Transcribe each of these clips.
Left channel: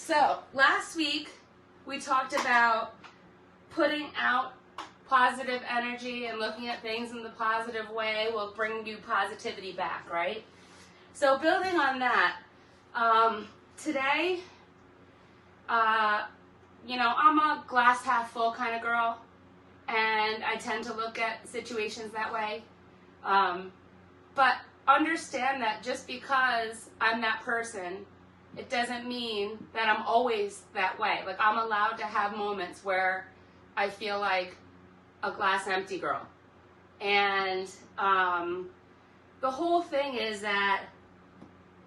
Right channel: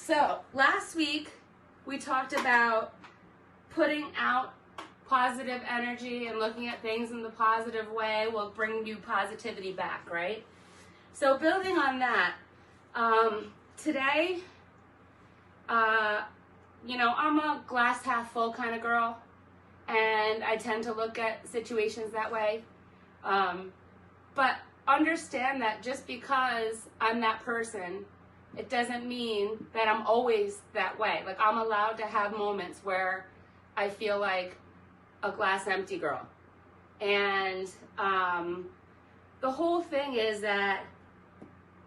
So last week we talked about putting out positive energy and looking at things in the positive way will bring you positivity back, right? So building on that, today, I'm a glass half full kind of girl, and I tend to look at situations that way. But understand that just because I'm that person, it doesn't mean that I'm always that way. Like, I'm allowed to have moments where I feel like a glass empty girl. And the whole thing is that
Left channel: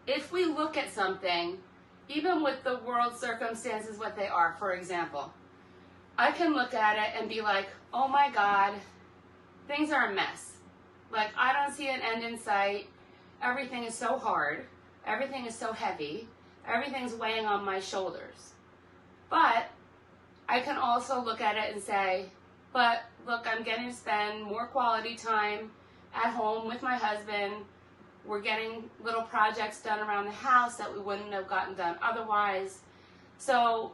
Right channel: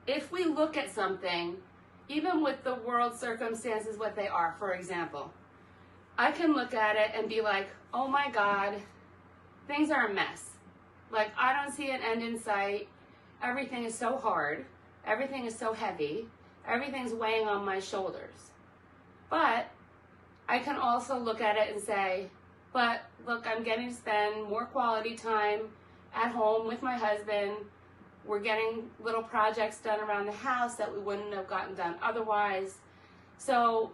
if we look at something, even with the world circumstances what they are, for example, I can look at it and be like, oh my God, things are a mess. Like, I don't see an end in sight. Everything is so hard. Everything is so heavy. Everything's weighing on my shoulders. But I can also look at it and say, but look, I'm getting to spend more quality time at home with my husband. We're getting little projects done around the house that we wouldn't have gotten done otherwise. So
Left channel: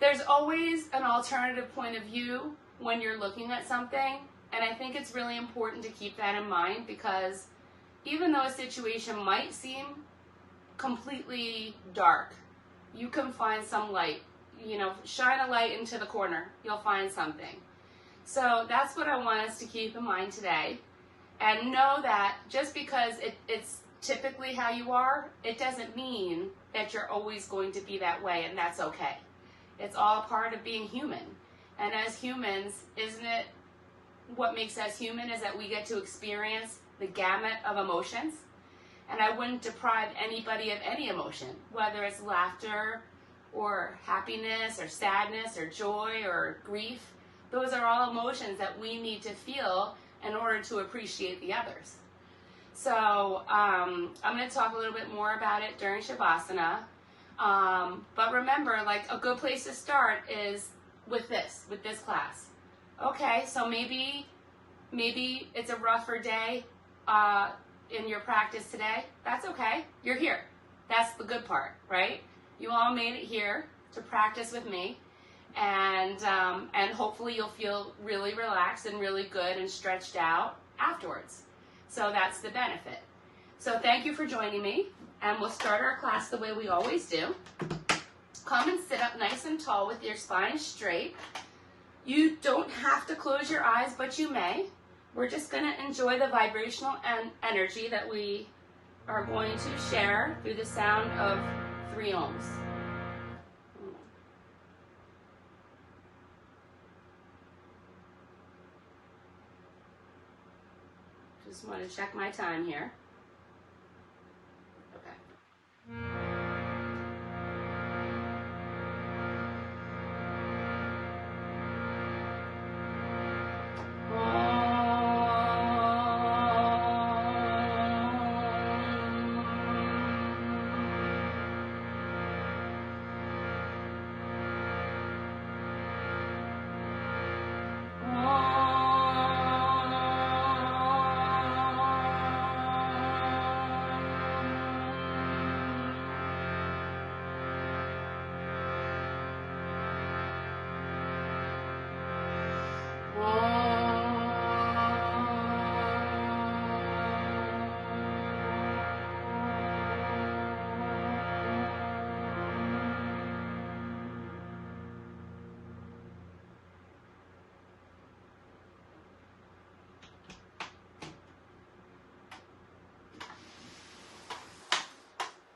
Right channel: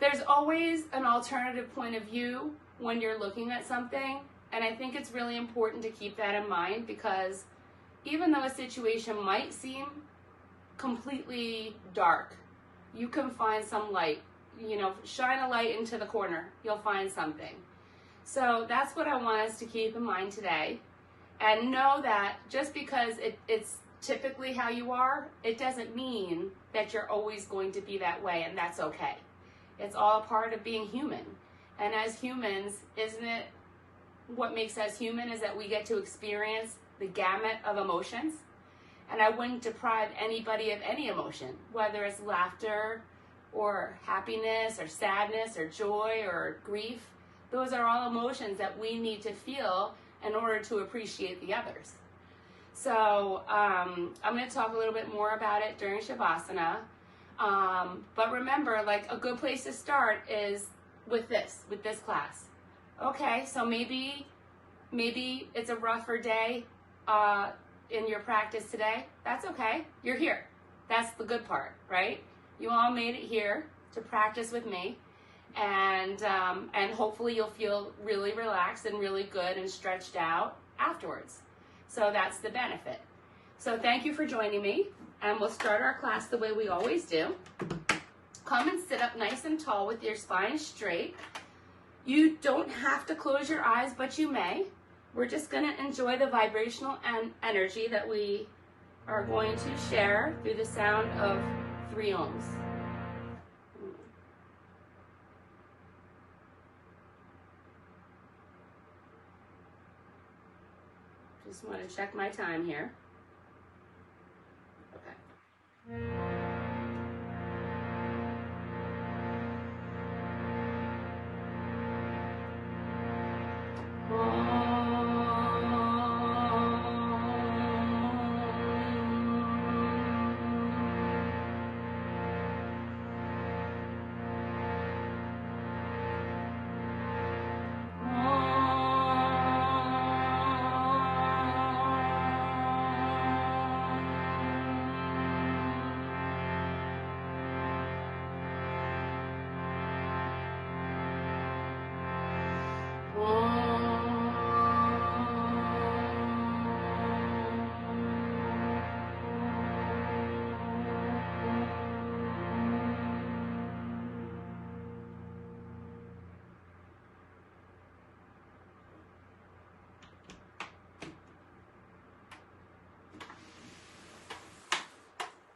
there's always an alternative point of view when you're looking at something. And I think it's really important to keep that in mind, because even though a situation might seem completely dark, you can find some light. Shine a light into the corner, you'll find something. So that's what I want us to keep in mind today. And know that just because it's typically how you are, it doesn't mean that you're always going to be that way, and that's okay. It's all part of being human. And as humans, isn't it what makes us human is that we get to experience the gamut of emotions? And I wouldn't deprive anybody of any emotion, whether it's laughter or happiness or sadness or joy or grief. Those are all emotions that we need to feel in order to appreciate the others. So I'm going to talk a little bit more about it during Shavasana. But remember, like, a good place to start is with this class. Okay, so maybe it's a rougher day in your practice today. That's okay. You're here. That's the good part, right? You all made it here to practice with me. And hopefully you'll feel really relaxed and really good and stretched out afterwards. So that's the benefit. So thank you for joining me, and we'll start our class the way we always do. Come and sit up nice and tall with your spine straight. You don't have to close your eyes, but you may. We're just going to enjoy the vibrational energy that we are going to share through the sound of 3 ohms. Just want to check my time here. Okay.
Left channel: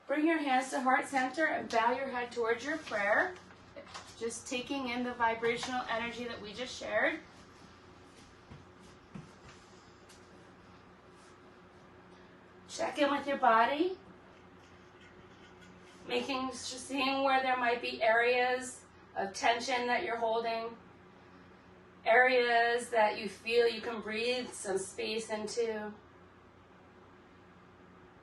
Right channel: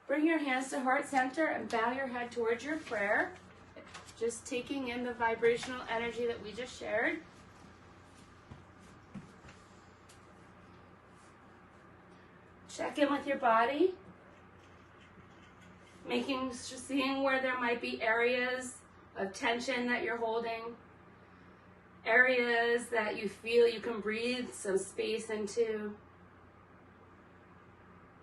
Bring your hands to heart center and bow your head towards your prayer. Just taking in the vibrational energy that we just shared. Check in with your body. Seeing where there might be areas of tension that you're holding. Areas that you feel you can breathe some space into.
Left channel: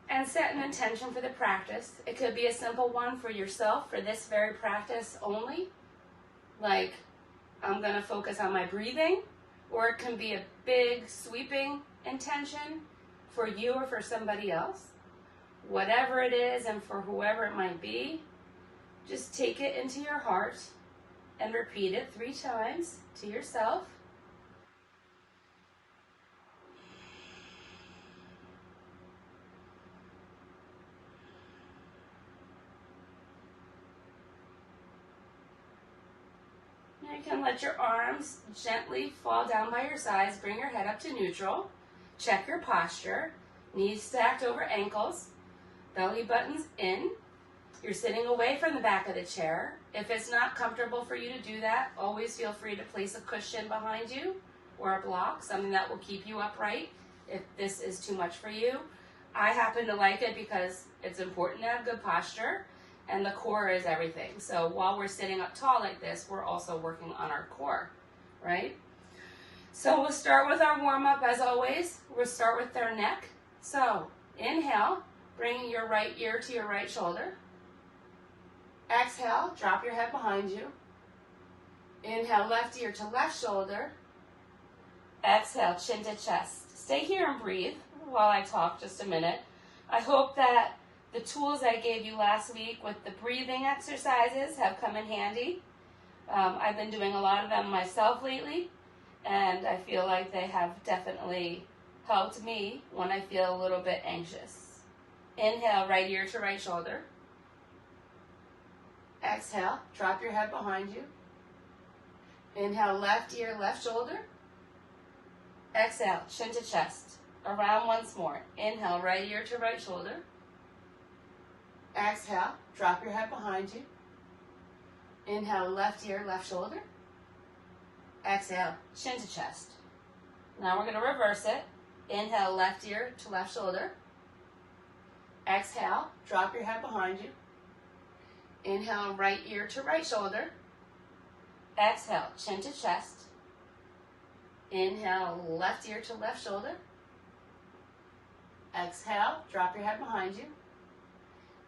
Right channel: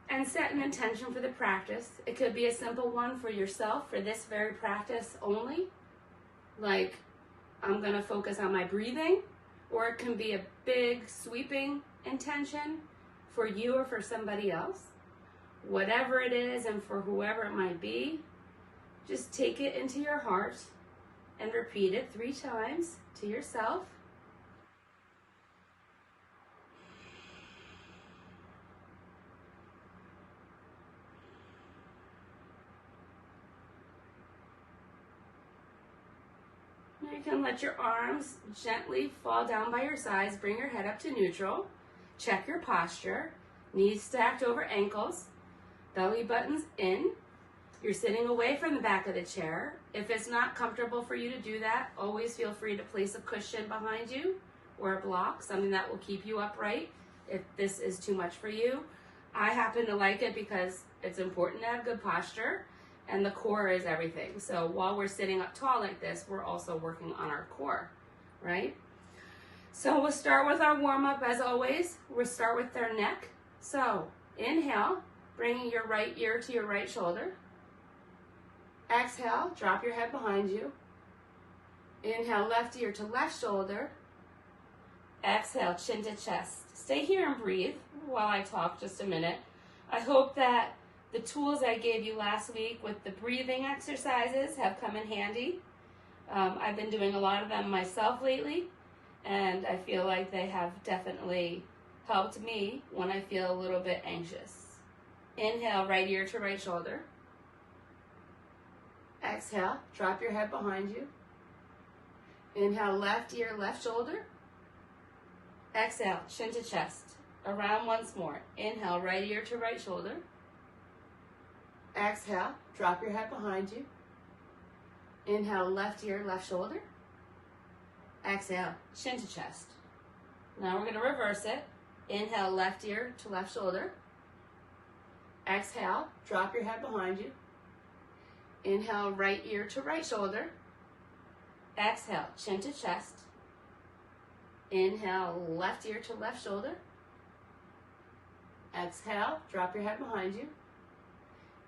And set an intention for the practice. It could be a simple one for yourself for this very practice only. Like, I'm going to focus on my breathing. Or it can be a big sweeping intention for you or for somebody else. Whatever it is and for whoever it might be, Just take it into your heart and repeat it 3 times to yourself. You can let your arms gently fall down by your sides. Bring your head up to neutral. Check your posture. Knees stacked over ankles. Belly buttons in. You're sitting away from the back of the chair. If it's not comfortable for you to do that, always feel free to place a cushion behind you or a block, something that will keep you upright if this is too much for you. I happen to like it because it's important to have good posture, and the core is everything. So while we're sitting up tall like this, we're also working on our core, right? So we'll start with our warm-up as always. We'll start with their neck. So inhale, bring your right ear to your right shoulder. Exhale, drop your head behind you. Inhale, left ear to left shoulder. Exhale, chin to chest. Stay here and breathe while I talk just a minute. I hope that the tools I gave you last week with the breathing exercises have come in handy. I've been doing a lot of them myself lately, and I feel like they have definitely helped me when I feel a little bit anxious. Inhale, right ear to right shoulder. Exhale, drop your head behind you. Inhale, left ear, left shoulder. Exhale, chin to chest. Around once more. Inhale, right ear to right shoulder. Exhale, drop your head behind you. Inhale, left ear, left shoulder. Exhale, chin to chest. Now we're going to reverse it. Inhale, left ear to left shoulder. Exhale, drop your head behind you. Inhale, right ear to right shoulder. Exhale, chin to chest. Inhale, left ear to left shoulder. Exhale, drop your head behind you.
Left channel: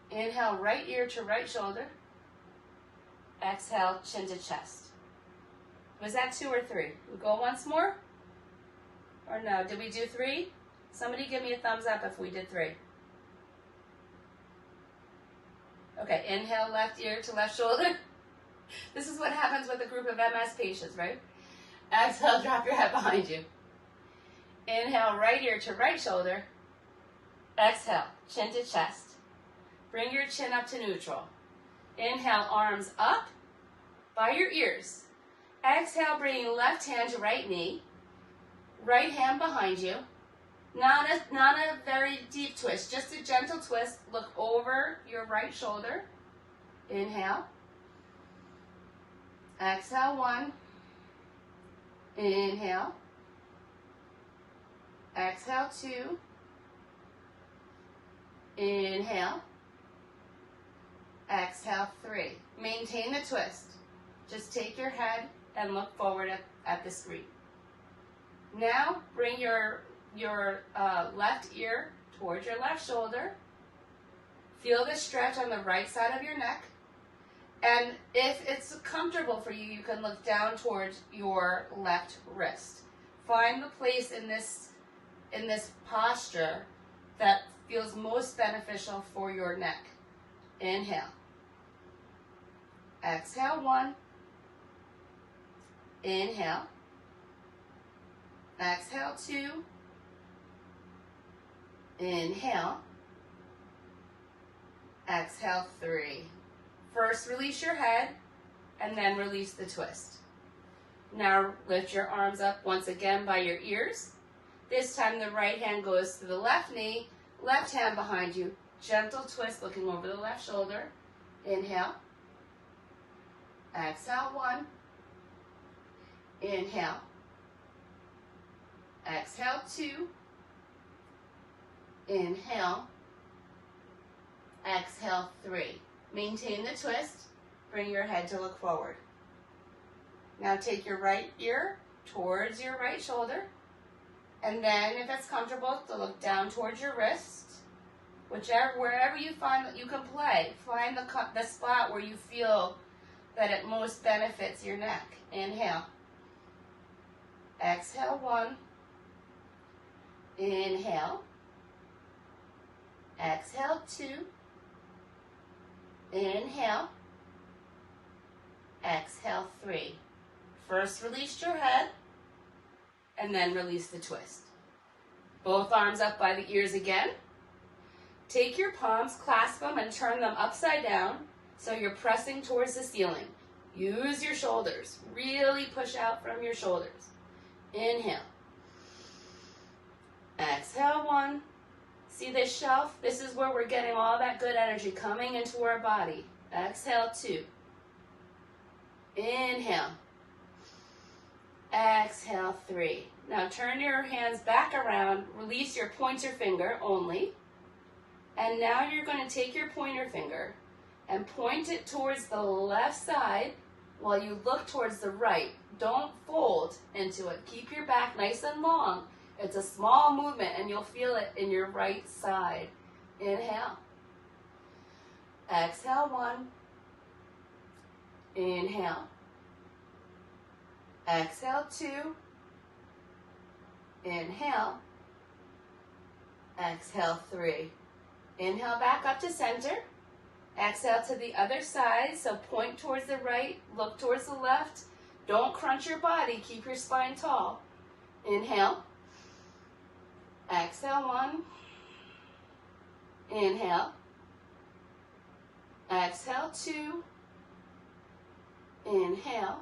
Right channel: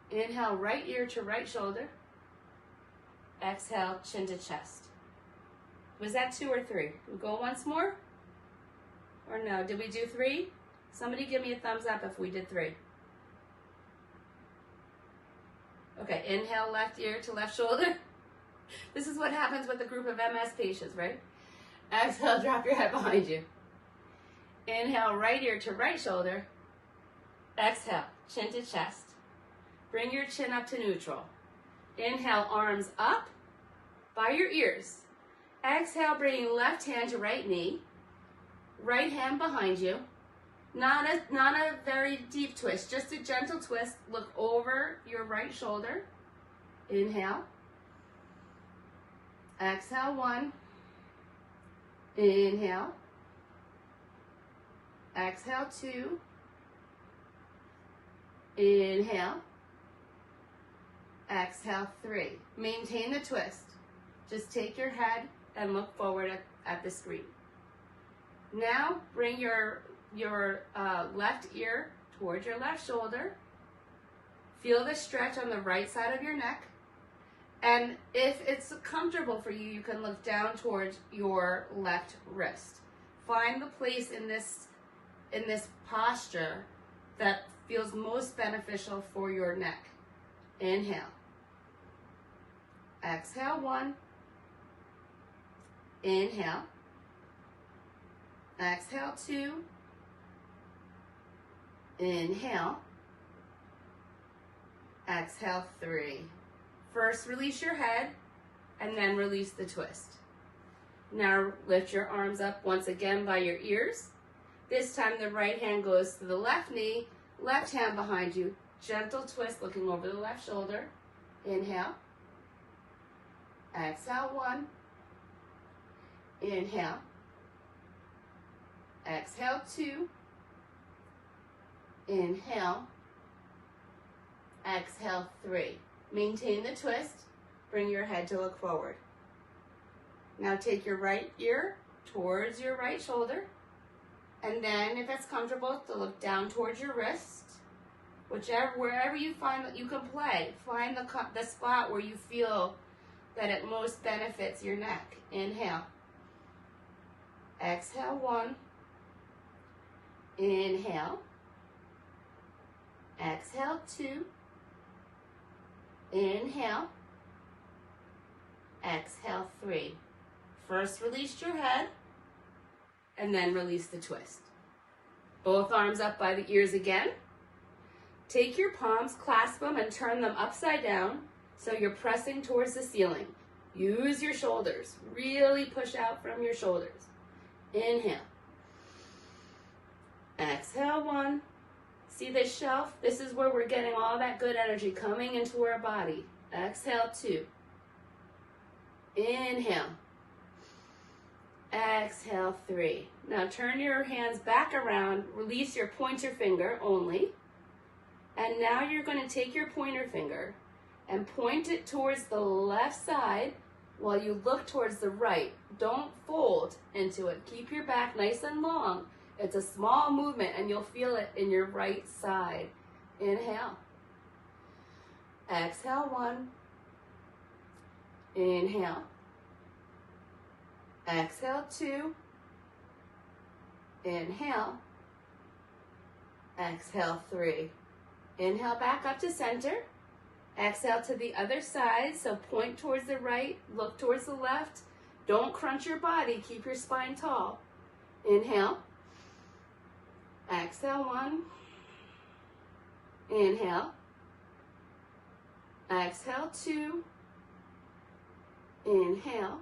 Inhale, right ear to right shoulder. Exhale, chin to chest. Was that 2 or 3? We go once more? Or no? Did we do 3? Somebody give me a thumbs up if we did 3. Okay, inhale, left ear to left shoulder. This is what happens with a group of MS patients, right? Exhale, drop your head behind you. Inhale, right ear to right shoulder. Exhale, chin to chest. Bring your chin up to neutral. Inhale, arms up by your ears. Exhale, bringing left hand to right knee. Right hand behind you. Not a very deep twist, just a gentle twist. Look over your right shoulder. Inhale. Exhale, 1. Inhale. Exhale, 2. Inhale. Exhale, 3. Maintain the twist. Just take your head and look forward at the screen. Now bring your left ear towards your left shoulder. Feel the stretch on the right side of your neck. And if it's comfortable for you, you can look down towards your left wrist. Find the place in this posture that feels most beneficial for your neck. Inhale. Exhale, 1. Inhale. Exhale, 2. Inhale. Exhale, 3. First, release your head, and then release the twist. Now, lift your arms up once again by your ears. This time, the right hand goes to the left knee, left hand behind you. Gentle twist, looking over the left shoulder. Inhale. Exhale, 1. Inhale. Exhale, 2. Inhale. Exhale, 3. Maintain the twist. Bring your head to look forward. Now take your right ear towards your right shoulder. And then, if it's comfortable, to look down towards your wrist. Wherever you find that you can play, find the spot where you feel that it most benefits your neck. Inhale. Exhale, 1. Inhale. Exhale, 2. Inhale. Exhale, 3. First, release your head, and then release the twist. Both arms up by the ears again. Take your palms, clasp them, and turn them upside down so you're pressing towards the ceiling. Use your shoulders. Really push out from your shoulders. Inhale. Exhale, 1. See this shelf? This is where we're getting all that good energy coming into our body. Exhale, 2. Inhale. Exhale, 3. Now turn your hands back around. Release your pointer finger only. And now you're going to take your pointer finger and point it towards the left side while you look towards the right. Don't fold into it. Keep your back nice and long. It's a small movement and you'll feel it in your right side. Inhale. Exhale, 1. Inhale. Exhale, 2. Inhale. Exhale, 3. Inhale back up to center. Exhale to the other side. So point towards the right, look towards the left. Don't crunch your body. Keep your spine tall. Inhale. Exhale, 1. Inhale. Exhale, 2. Inhale.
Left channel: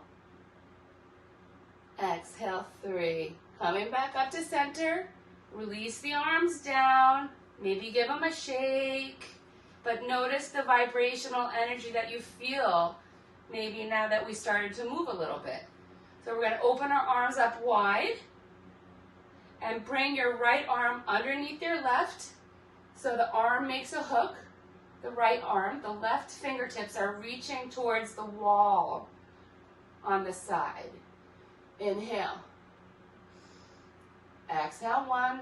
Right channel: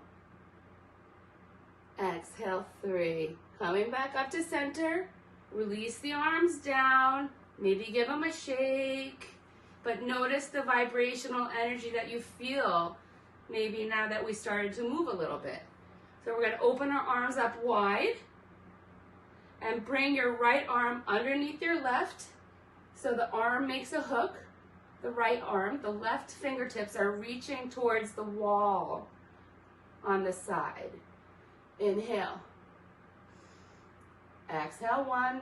Exhale, 3. Coming back up to center. Release the arms down. Maybe give them a shake. But notice the vibrational energy that you feel maybe now that we started to move a little bit. So we're going to open our arms up wide and bring your right arm underneath your left. So the arm makes a hook. The right arm, the left fingertips are reaching towards the wall on the side. Inhale. Exhale, 1.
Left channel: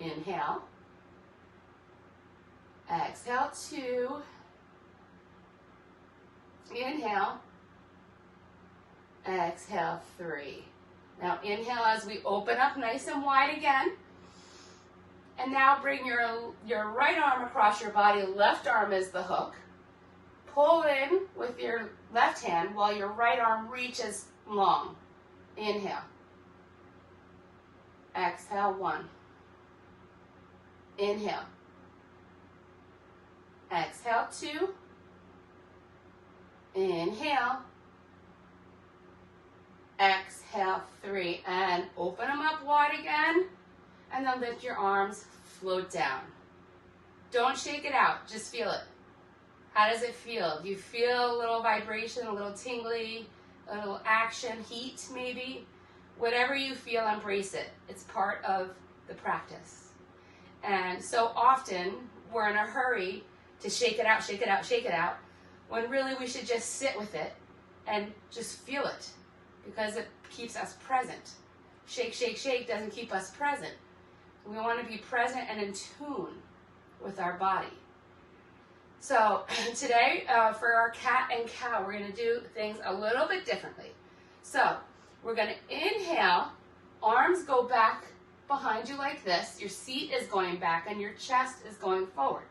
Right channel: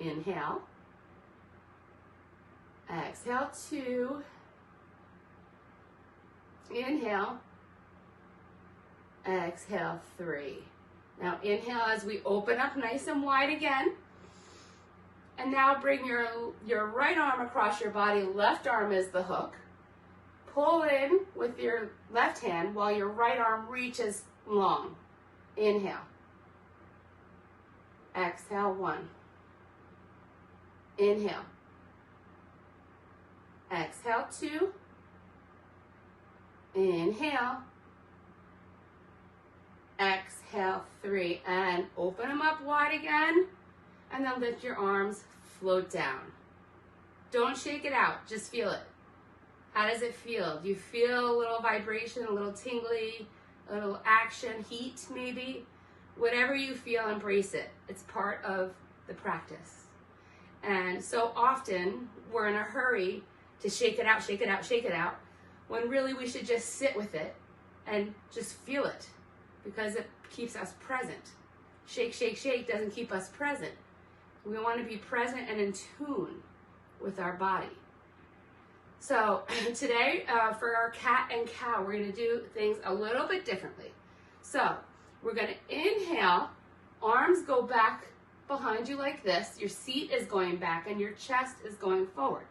Inhale. Exhale, 2. Inhale. Exhale, 3. Now inhale as we open up nice and wide again. And now bring your right arm across your body. Left arm is the hook. Pull in with your left hand while your right arm reaches long. Inhale. Exhale, 1. Inhale. Exhale, 2. Inhale. Exhale, 3. And open them up wide again. And then lift your arms, float down. Don't shake it out, just feel it. How does it feel? Do you feel a little vibration, a little tingly, a little action, heat maybe? Whatever you feel, embrace it. It's part of the practice. And so often we're in a hurry to shake it out, shake it out, shake it out, when really we should just sit with it and just feel it because it keeps us present. Shake, shake, shake doesn't keep us present. We want to be present and in tune with our body. So today, for our cat and cow, we're going to do things a little bit differently. So we're going to inhale, arms go back behind you like this. Your seat is going back and your chest is going forward.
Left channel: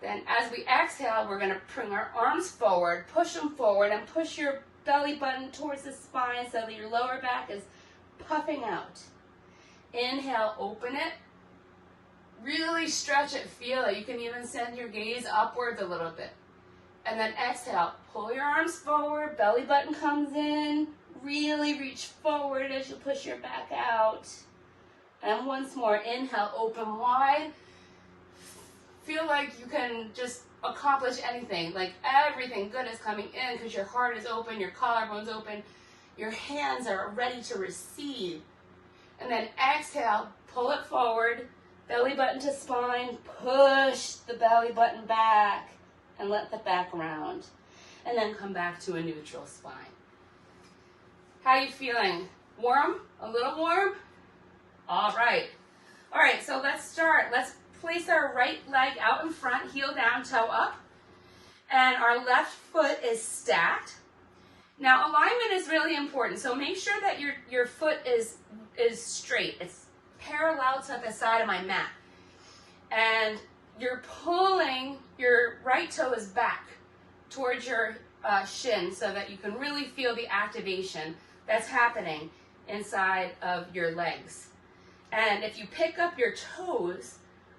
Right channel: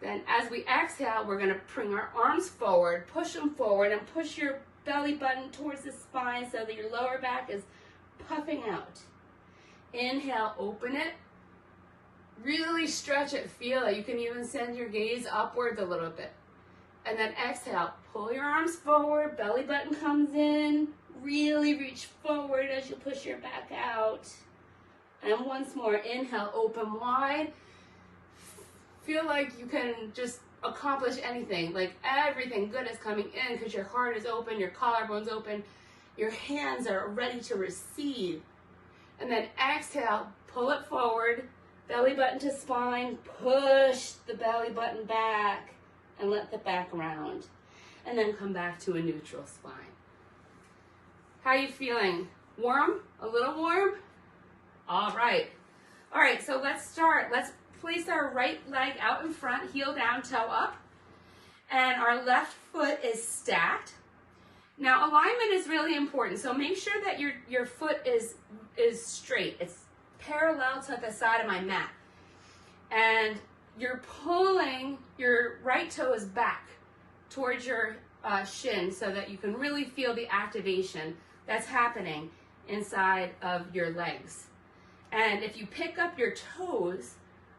Then as we exhale, we're going to bring our arms forward, push them forward, and push your belly button towards the spine so that your lower back is puffing out. Inhale, open it. Really stretch it, feel it. You can even send your gaze upwards a little bit. And then exhale, pull your arms forward, belly button comes in. Really reach forward as you push your back out. And once more, inhale, open wide. Feel like you can just accomplish anything, like everything good is coming in because your heart is open, your collarbone's open, your hands are ready to receive. And then exhale, pull it forward, belly button to spine, push the belly button back and let the back round. And then come back to a neutral spine. How are you feeling? Warm? A little warm? All right. All right, so let's start. Let's place our right leg out in front, heel down, toe up. And our left foot is stacked. Now, alignment is really important, so make sure that your foot is straight. It's parallel to the side of my mat. And you're pulling your right toes back towards your shin so that you can really feel the activation that's happening inside of your legs. And if you pick up your toes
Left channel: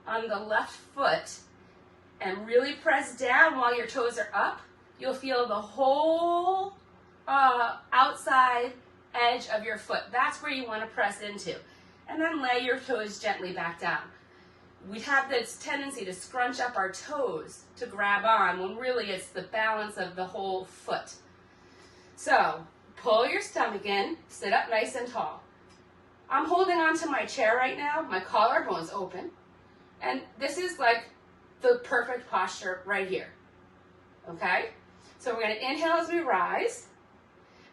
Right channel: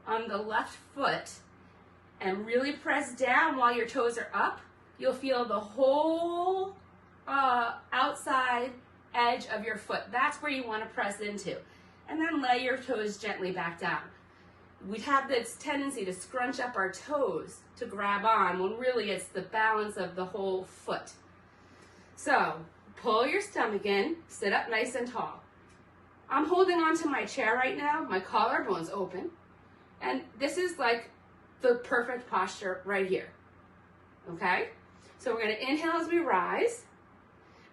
on the left foot and really press down while your toes are up, you'll feel the whole outside edge of your foot. That's where you want to press into. And then lay your toes gently back down. We have this tendency to scrunch up our toes to grab on when really it's the balance of the whole foot. So pull your stomach in, sit up nice and tall. I'm holding on to my chair right now, my collarbone's open, and this is like the perfect posture right here, okay? So we're gonna inhale as we rise,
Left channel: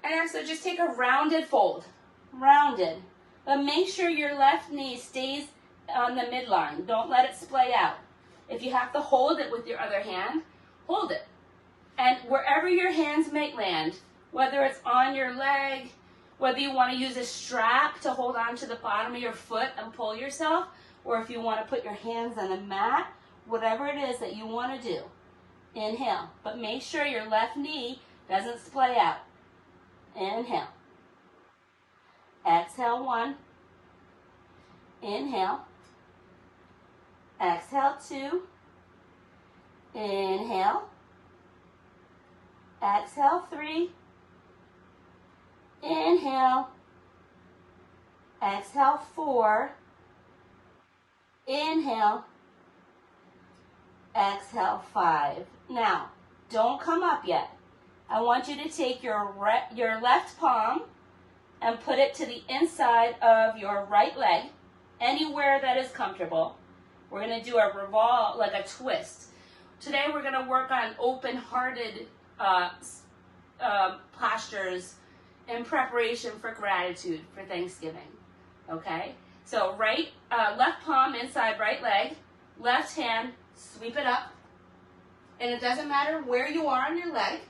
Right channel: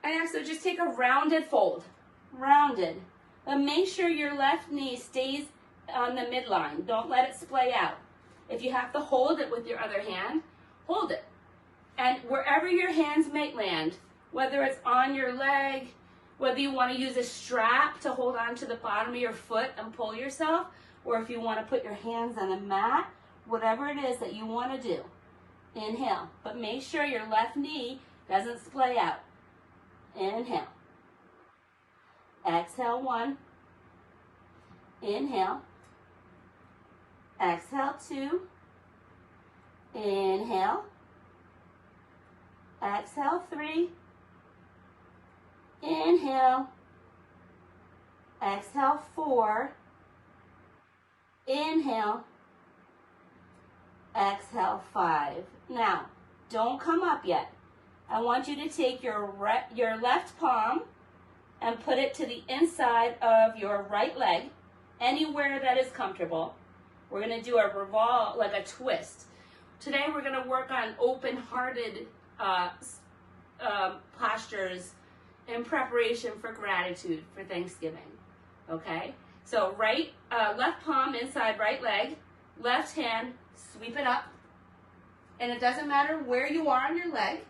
and actually just take a rounded fold, rounded. But make sure your left knee stays on the midline. Don't let it splay out. If you have to hold it with your other hand, hold it. And wherever your hands might land, whether it's on your leg, whether you want to use a strap to hold on to the bottom of your foot and pull yourself, or if you want to put your hands on the mat, whatever it is that you want to do, inhale. But make sure your left knee doesn't splay out. Inhale. Exhale, 1. Inhale. Exhale, 2. Inhale. Exhale, 3. Inhale. Exhale, 4. Inhale. Exhale, 5. Now, don't come up yet. I want you to take your left palm and put it to the inside of your right leg, anywhere that is comfortable. We're going to do a revolve, like a twist. Today we're going to work on open-hearted postures in preparation for gratitude for Thanksgiving. Okay? So left palm inside right leg, left hand, sweep it up. And it doesn't matter where you are on your leg.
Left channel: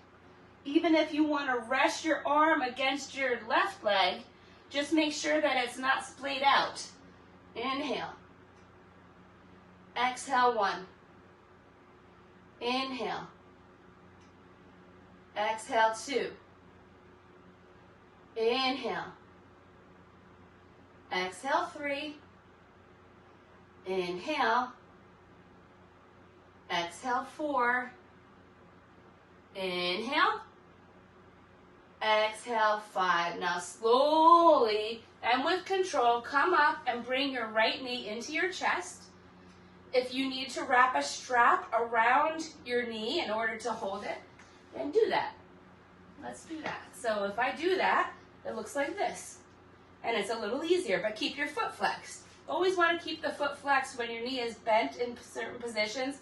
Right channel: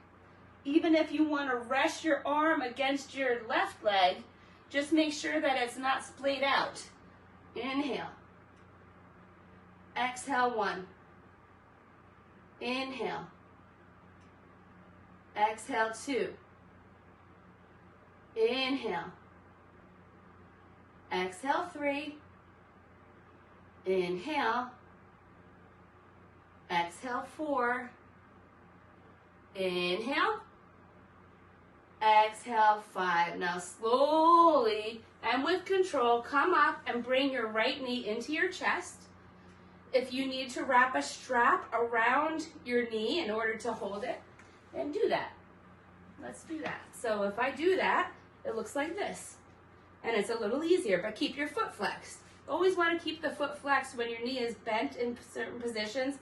Even if you want to rest your arm against your left leg, just make sure that it's not splayed out. Inhale. Exhale, 1. Inhale. Exhale, 2. Inhale. Exhale, 3. Inhale. Exhale, 4. Inhale. Exhale, 5. Now slowly and with control, come up and bring your right knee into your chest. If you need to wrap a strap around your knee in order to hold it, then do that. Let's do that. So if I do that, it looks like this. And it's a little easier, but keep your foot flexed. Always want to keep the foot flexed when your knee is bent in certain positions,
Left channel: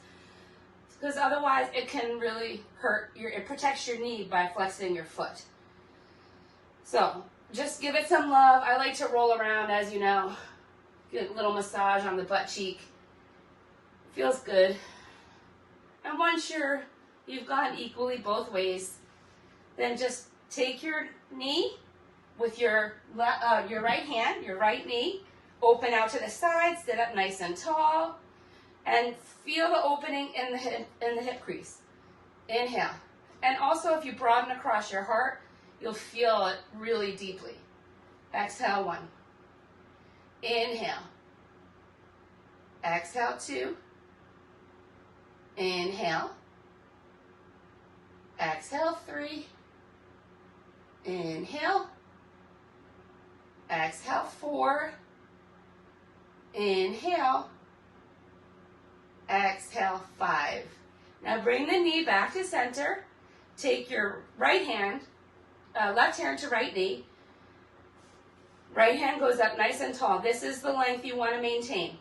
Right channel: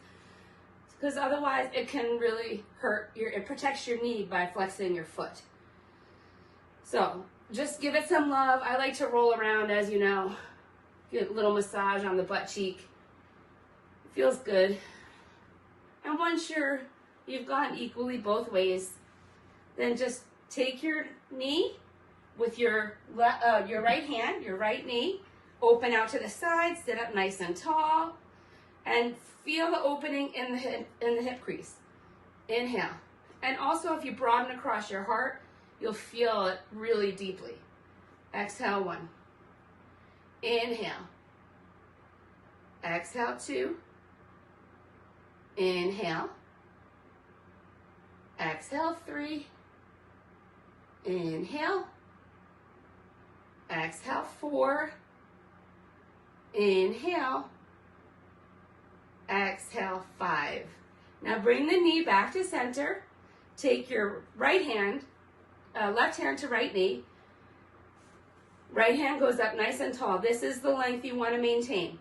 because otherwise it can really hurt it protects your knee by flexing your foot. So just give it some love. I like to roll around, as you know, get a little massage on the butt cheek. It feels good. And once you've gone equally both ways, then just take your knee with your right hand, your right knee, open out to the side, sit up nice and tall, and feel the opening in the hip crease. Inhale. And also if you broaden across your heart, you'll feel it really deeply. Exhale, 1. Inhale. Exhale, 2. Inhale. Exhale, 3. Inhale. Exhale, 4. Inhale. Exhale, 5. Now bring the knee back to center. Take your right hand, left hand to right knee. Right hand goes up nice and tall. This is the length you want to maintain.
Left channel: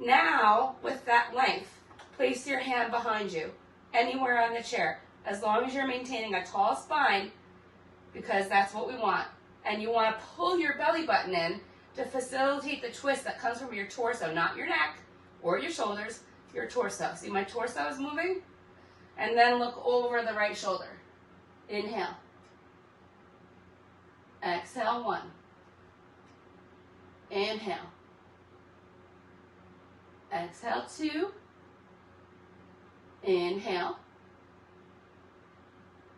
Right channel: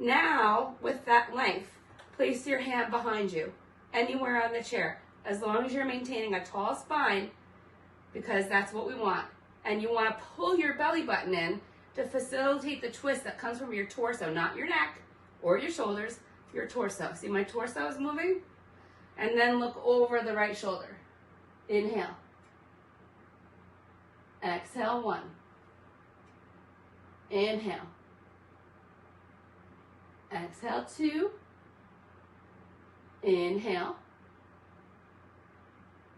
Now, with that length, place your hand behind you, anywhere on the chair, as long as you're maintaining a tall spine, because that's what we want. And you want to pull your belly button in to facilitate the twist that comes from your torso, not your neck or your shoulders, your torso. See, my torso is moving? And then look over the right shoulder. Inhale. Exhale, 1. Inhale. Exhale, 2. Inhale.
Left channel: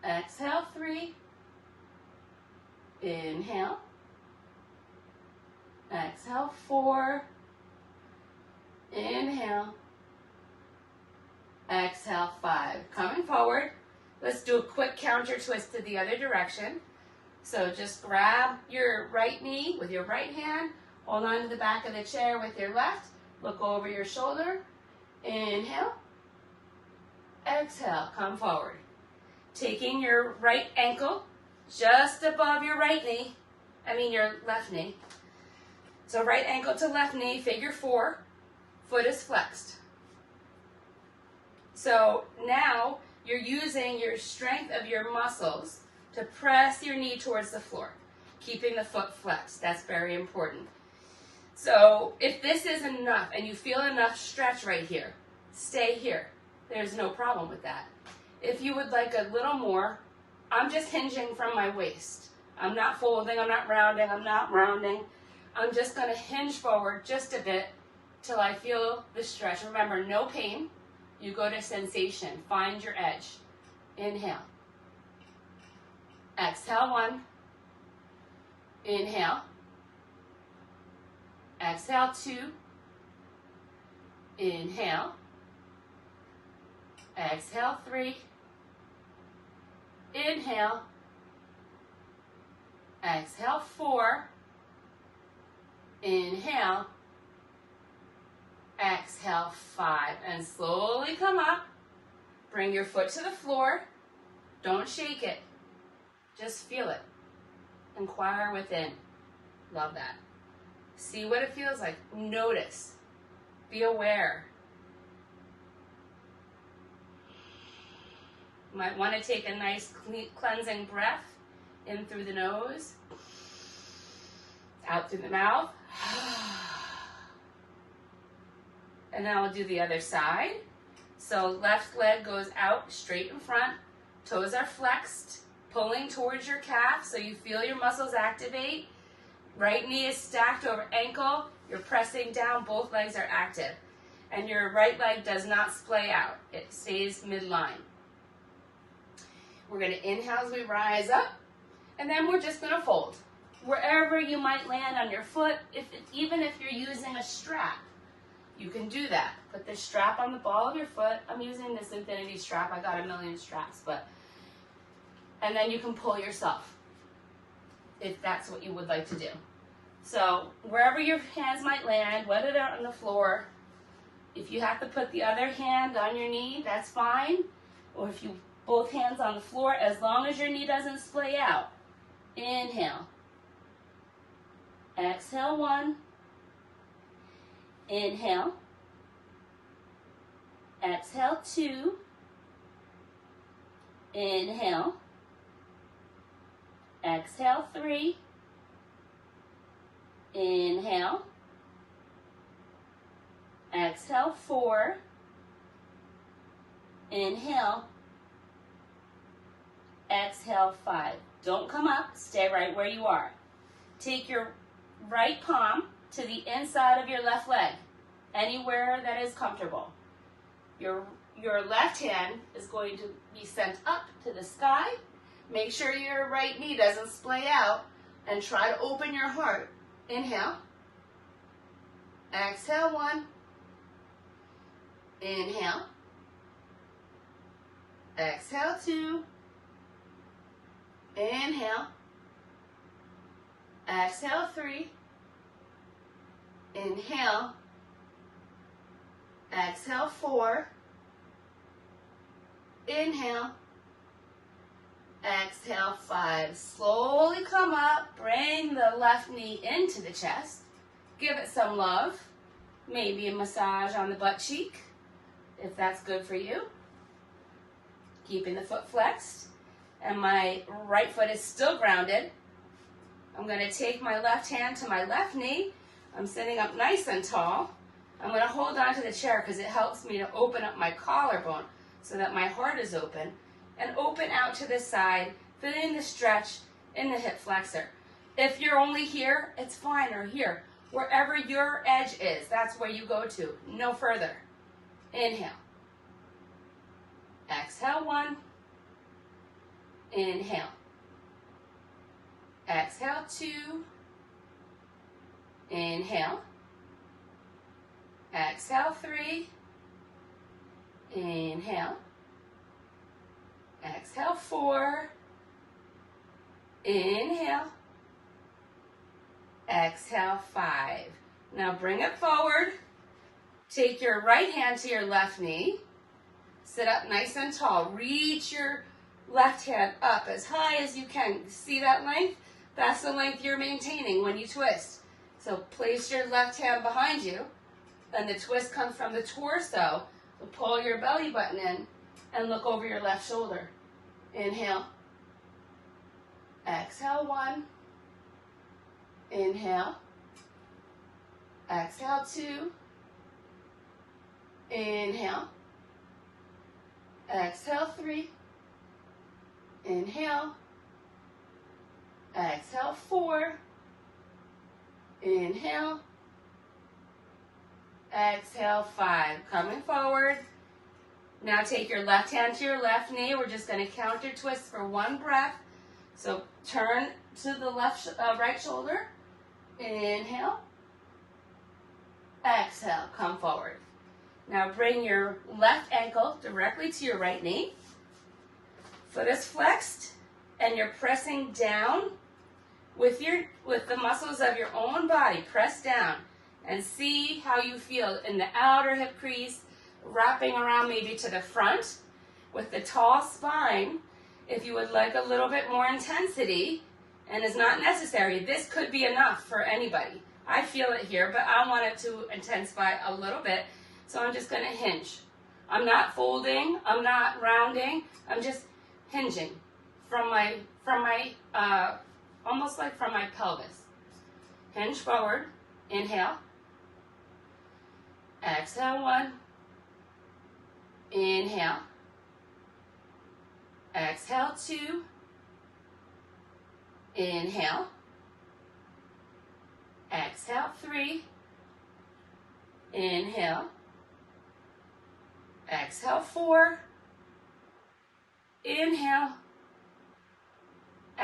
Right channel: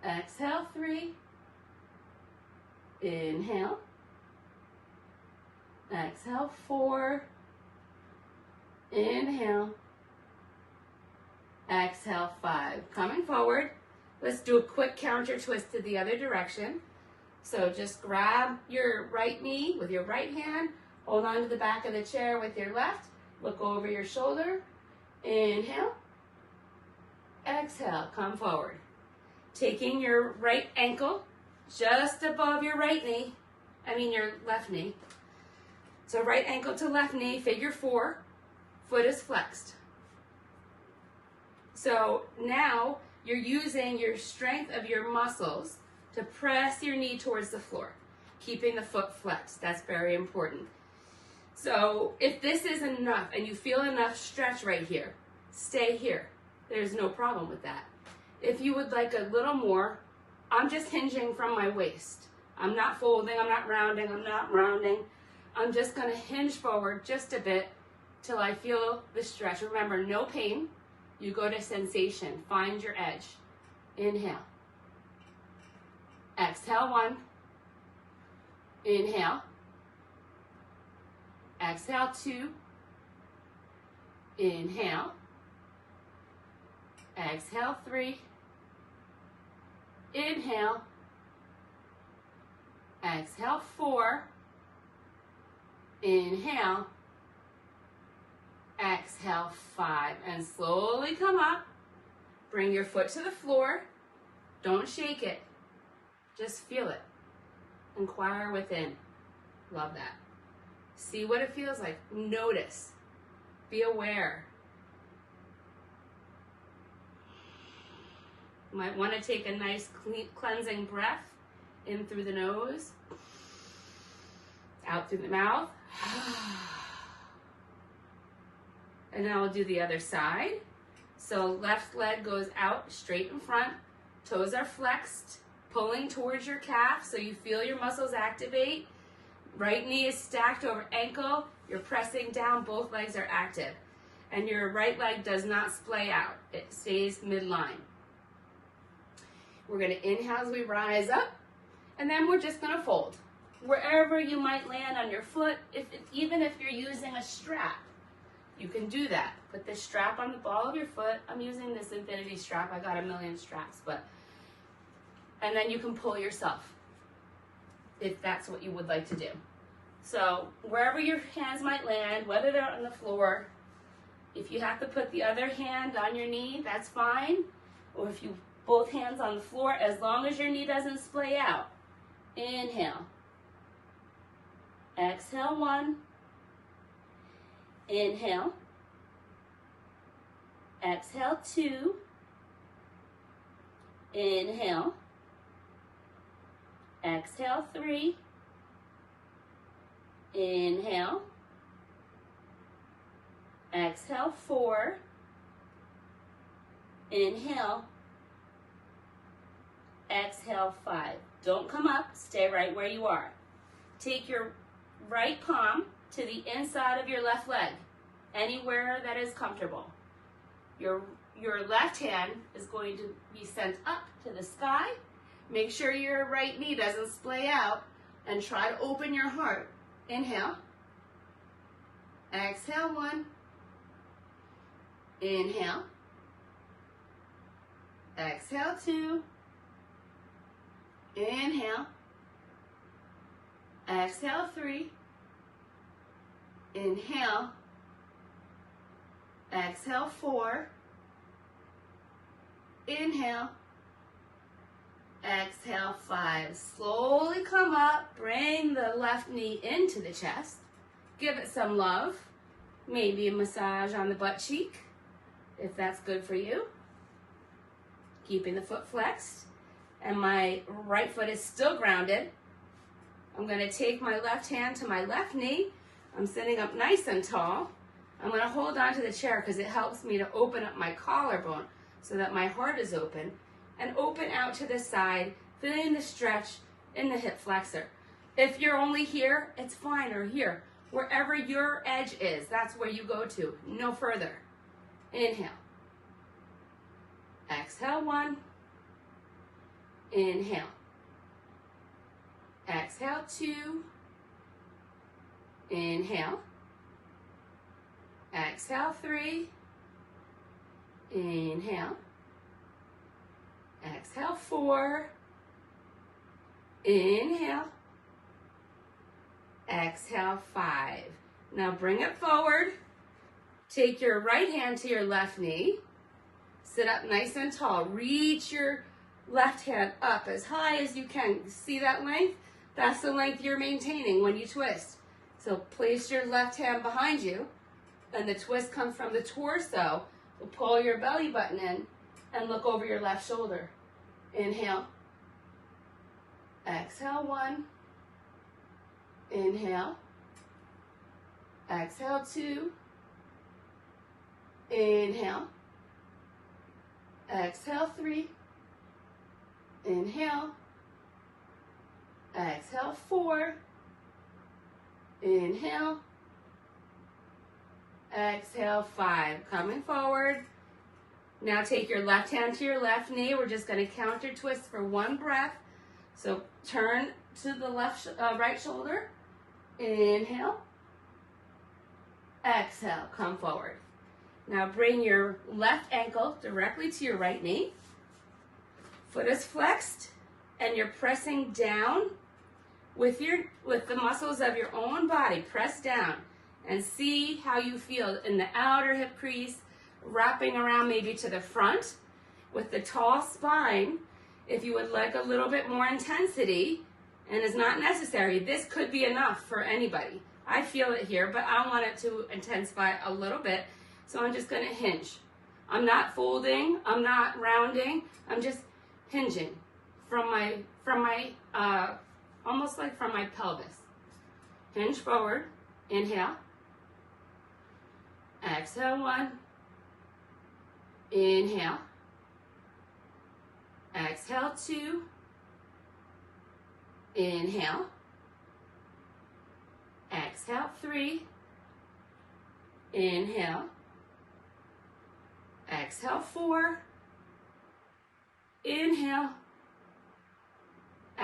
Exhale, 3. Inhale. Exhale, 4. Inhale. Exhale, 5. Coming forward. Let's do a quick counter twist to the other direction. So just grab your right knee with your right hand. Hold on to the back of the chair with your left. Look over your shoulder. Inhale. Exhale, come forward. Taking your right ankle just above your your left knee. So right ankle to left knee, figure 4. Foot is flexed. So now you're using your strength of your muscles to press your knee towards the floor, keeping the foot flexed. That's very important. So if this is enough and you feel enough stretch right here, stay here. There's no problem with that. If you would like a little more, I'm just hinging from my waist. I'm not folding, I'm not rounding, I'm just gonna hinge forward just a bit till I feel the stretch. Remember, no pain. You go to sensation, find your edge. Inhale. Exhale, 1. Inhale. Exhale, 2. Inhale. Exhale, 3. Inhale. Exhale, 4. Inhale. Exhale, 5. And slowly come up. Bring your foot to the floor. Don't shake it. Just feel it. Inquire within. Love that. See what it feels like. Notice. Be aware. You might want to take a nice cleansing breath in through the nose, out through the mouth. And now we'll do the other side. So left leg goes out straight in front. Toes are flexed, pulling towards your calf so you feel your muscles activate. Right knee is stacked over ankle. You're pressing down, both legs are active. And your right leg does not splay out. It stays midline. We're gonna inhale as we rise up, and then we're just gonna fold. Wherever you might land on your foot, even if you're using a strap, you can do that. Put the strap on the ball of your foot. I'm using this infinity strap. I got a million straps, and then you can pull yourself if that's what you would like to do. So wherever your hands might land, whether they're on the floor, if you have to put the other hand on your knee, that's fine. Or if you both hands on the floor, as long as your knee doesn't splay out. Inhale. Exhale, 1. Inhale. Exhale, 2. Inhale. Exhale, 3. Inhale. Exhale, 4. Inhale. Exhale, 5. Don't come up, stay right where you are. Take your right palm to the inside of your left leg, anywhere that is comfortable. Your left hand is going to be sent up to the sky. Make sure your right knee doesn't splay out, and try to open your heart. Inhale. Exhale, 1. Inhale. Exhale, 2. Inhale. Exhale, 3. Inhale. Exhale, 4. Inhale. Exhale, 5. Slowly come up. Bring the left knee into the chest. Give it some love. Maybe a massage on the butt cheek, if that's good for you. Keeping the foot flexed. And my right foot is still grounded. I'm going to take my left hand to my left knee. I'm sitting up nice and tall. I'm going to hold on to the chair because it helps me to open up my collarbone so that my heart is open, and open out to the side, feeling the stretch in the hip flexor. If you're only here, it's fine, or here. Wherever your edge is, that's where you go to, no further. Inhale. Exhale, 1. Inhale. Exhale, 2. Inhale. Exhale, 3. Inhale. Exhale, 4. Inhale. Exhale, 5. Now bring it forward. Take your right hand to your left knee. Sit up nice and tall. Reach your left hand up as high as you can. See that length? That's the length you're maintaining when you twist. So place your left hand behind you, and the twist comes from the torso. So pull your belly button in and look over your left shoulder. Inhale. Exhale, 1. Inhale. Exhale, 2. Inhale. Exhale, 3. Inhale. Exhale, 4. Inhale. Exhale, 5. Coming forward. Now take your left hand to your left knee. We're just going to counter twist for 1 breath. So turn to the right shoulder. Inhale. Exhale, come forward. Now bring your left ankle directly to your right knee. Foot is flexed, and you're pressing down with the muscles of your own body. Press down and see how you feel in the outer hip crease, wrapping around maybe to the front with the tall spine. If you would like a little bit more intensity, and is not necessary, this could be enough for anybody. I feel it here, but I want it to intensify a little bit, so I'm just going to hinge. I'm not folding, I'm not rounding, I'm just hinging from my almost like from my pelvis. Hinge forward. Inhale. Exhale, 1. Inhale. Exhale, 2. Inhale. Exhale, 3. Inhale. Exhale, 4. Inhale.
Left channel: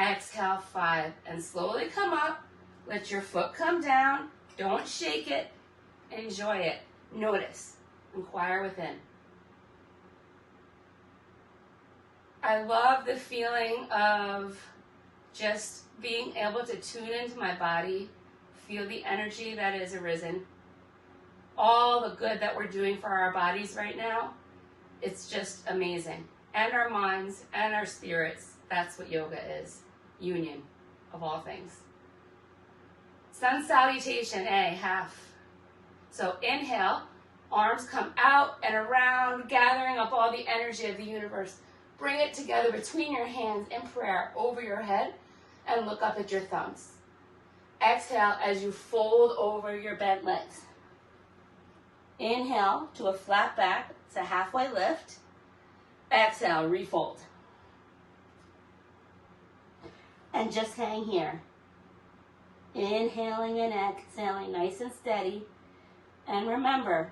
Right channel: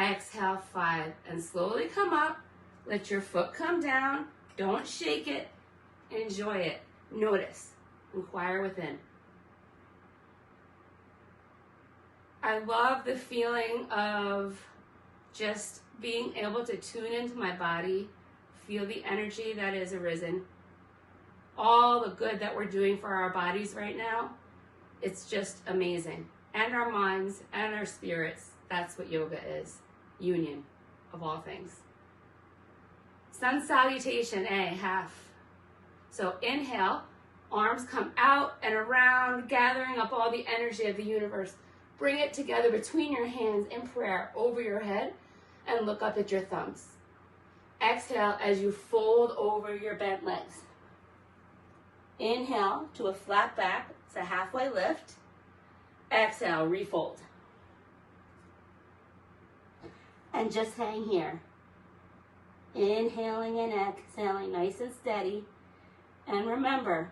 Exhale, 5. And slowly come up. Let your foot come down. Don't shake it. Enjoy it. Notice. Inquire within. I love the feeling of just being able to tune into my body, feel the energy that is arisen, all the good that we're doing for our bodies right now. It's just amazing. And our minds and our spirits. That's what yoga is. Union of all things. Sun salutation, A, half. So inhale, arms come out and around, gathering up all the energy of the universe. Bring it together between your hands in prayer over your head and look up at your thumbs. Exhale as you fold over your bent legs. Inhale to a flat back. It's a halfway lift. Exhale, refold. And just hang here. Inhaling and exhaling nice and steady. And remember,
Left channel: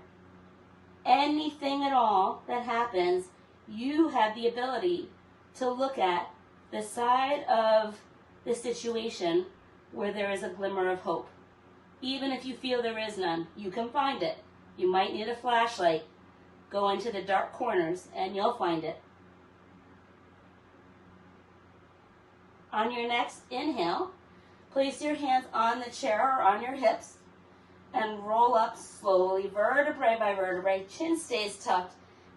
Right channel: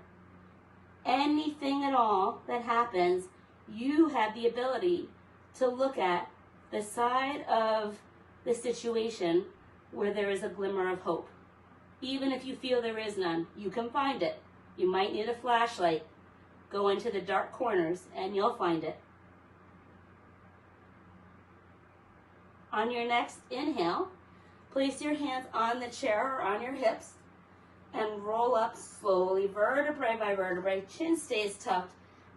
anything at all that happens, you have the ability to look at the side of the situation where there is a glimmer of hope. Even if you feel there is none, you can find it. You might need a flashlight. Go into the dark corners and you'll find it. On your next inhale, place your hands on the chair or on your hips and roll up slowly, vertebrae by vertebrae. Chin stays tucked,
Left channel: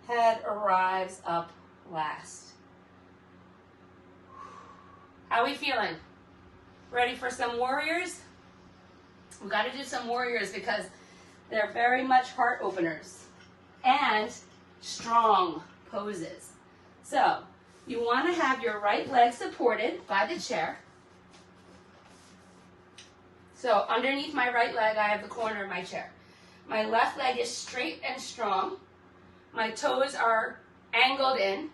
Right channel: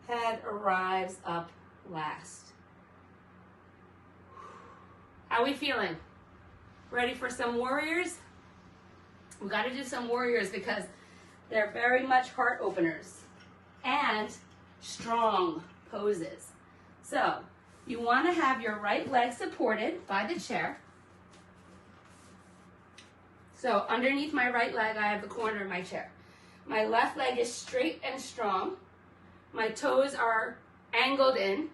head arrives up last. How are we feeling? Ready for some warriors? We got to do some warriors because they're very much heart openers and strong poses. So you want to have your right leg supported by the chair. So underneath my right leg, I have the corner of my chair. My left leg is straight and strong. My toes are angled in.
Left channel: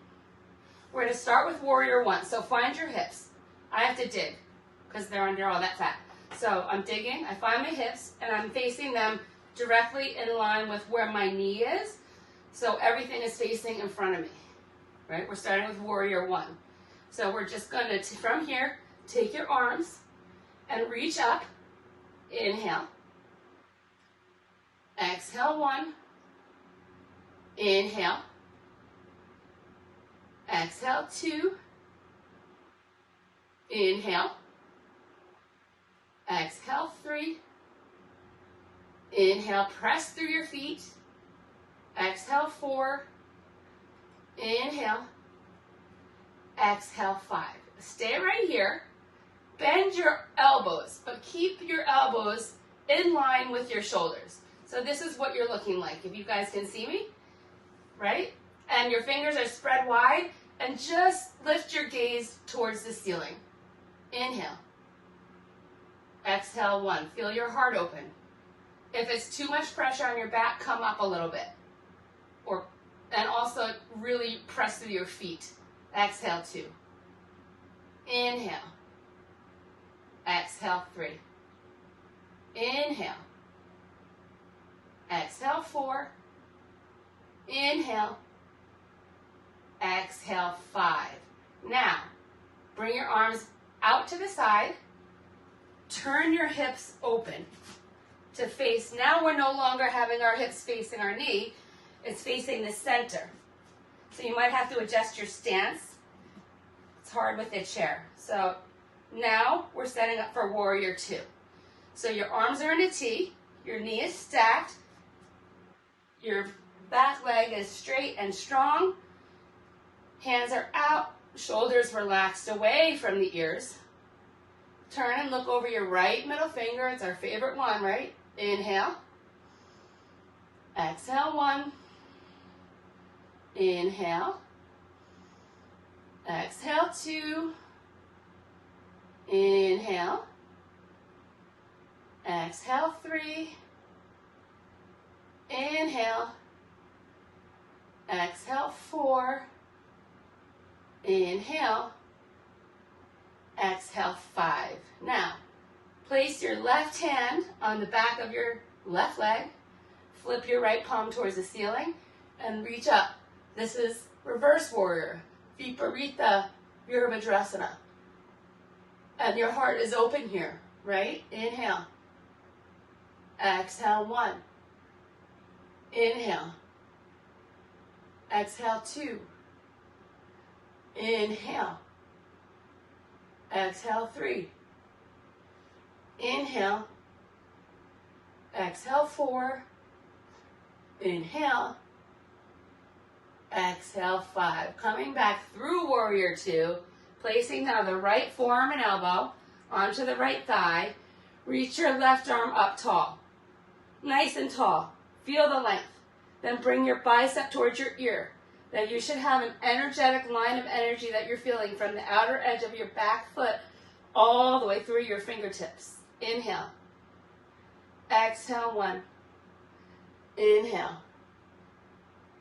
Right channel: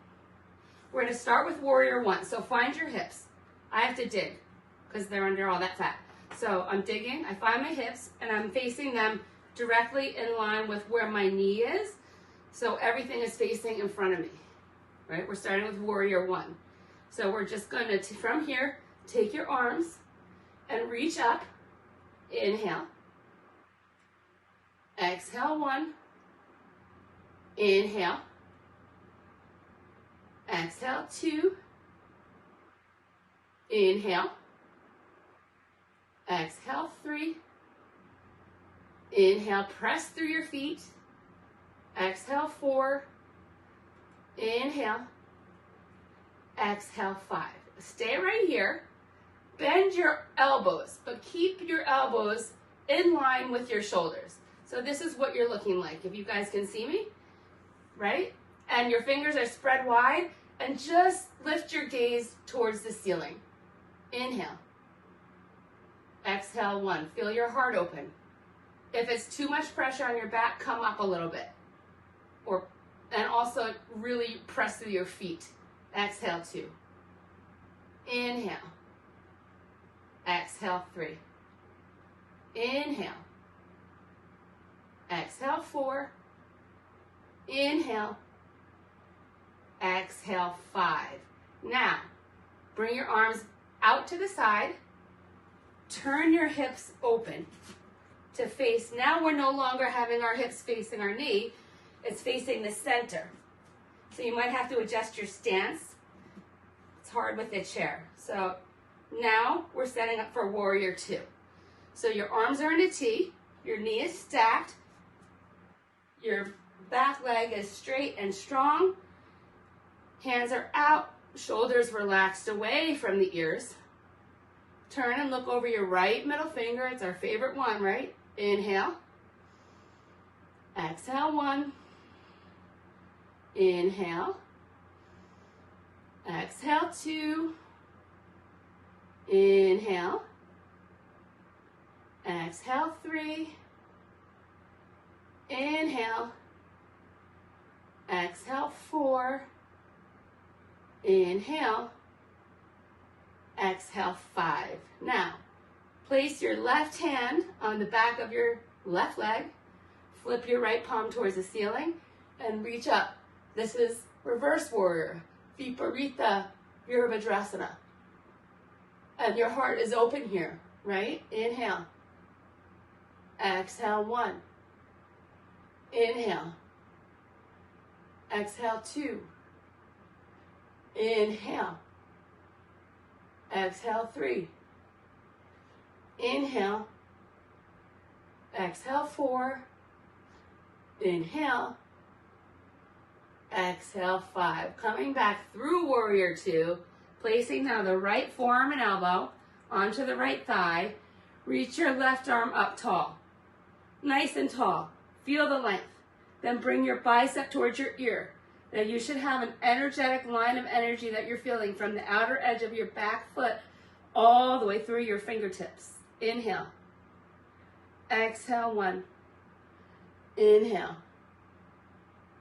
We're going to start with warrior 1. So find your hips. I have to dig because they're under all that fat. So I'm digging, I find my hips, and I'm facing them directly in line with where my knee is. So everything is facing in front of me, right? We're starting with warrior 1. So we're just going to, from here, take your arms and reach up. Inhale. Exhale, 1. Inhale. Exhale, 2. Inhale. Exhale, 3. Inhale, press through your feet. Exhale, 4. Inhale. Exhale, 5. Stay right here. Bend your elbows, but keep your elbows in line with your shoulders. So this is what you're looking like, if you guys can see me, right? And your fingers are spread wide, and just lift your gaze towards the ceiling. Inhale. Exhale, 1. Feel your heart open. If it's too much pressure on your back, come up a little bit. And also really press through your feet. Exhale, 2. Inhale. Exhale, 3. Inhale. Exhale, 4. Inhale. Exhale, 5. Now, bring your arms out to the side. Turn your hips open to face. Now we're no longer having our hips facing our knee. It's facing the center. So you might have to adjust your stance. It's hard with the chair. So now we're setting up for warrior 2. So your arms are in a T, your knee is stacked, your back leg is straight and strong, hands are out, shoulders relaxed away from the ears. Turn and look over your right middle finger. It's our favorite one, right? Inhale. Exhale, 1. Inhale. Exhale, 2. Inhale. Exhale, 3. Inhale. Exhale, 4. Inhale. Exhale, 5. Now, place your left hand on the back of your left leg. Flip your right palm towards the ceiling and reach up. This is reverse warrior, Viparita Virabhadrasana. And your heart is open here, right? Inhale. Exhale, 1. Inhale. Exhale, 2. Inhale. Exhale, 3. Inhale. Exhale, 4. Inhale. Exhale, 5. Coming back through warrior 2, placing now the right forearm and elbow onto the right thigh. Reach your left arm up tall. Nice and tall. Feel the length. Then bring your bicep towards your ear. Now you should have an energetic line of energy that you're feeling from the outer edge of your back foot all the way through your fingertips. Inhale. Exhale, 1. Inhale.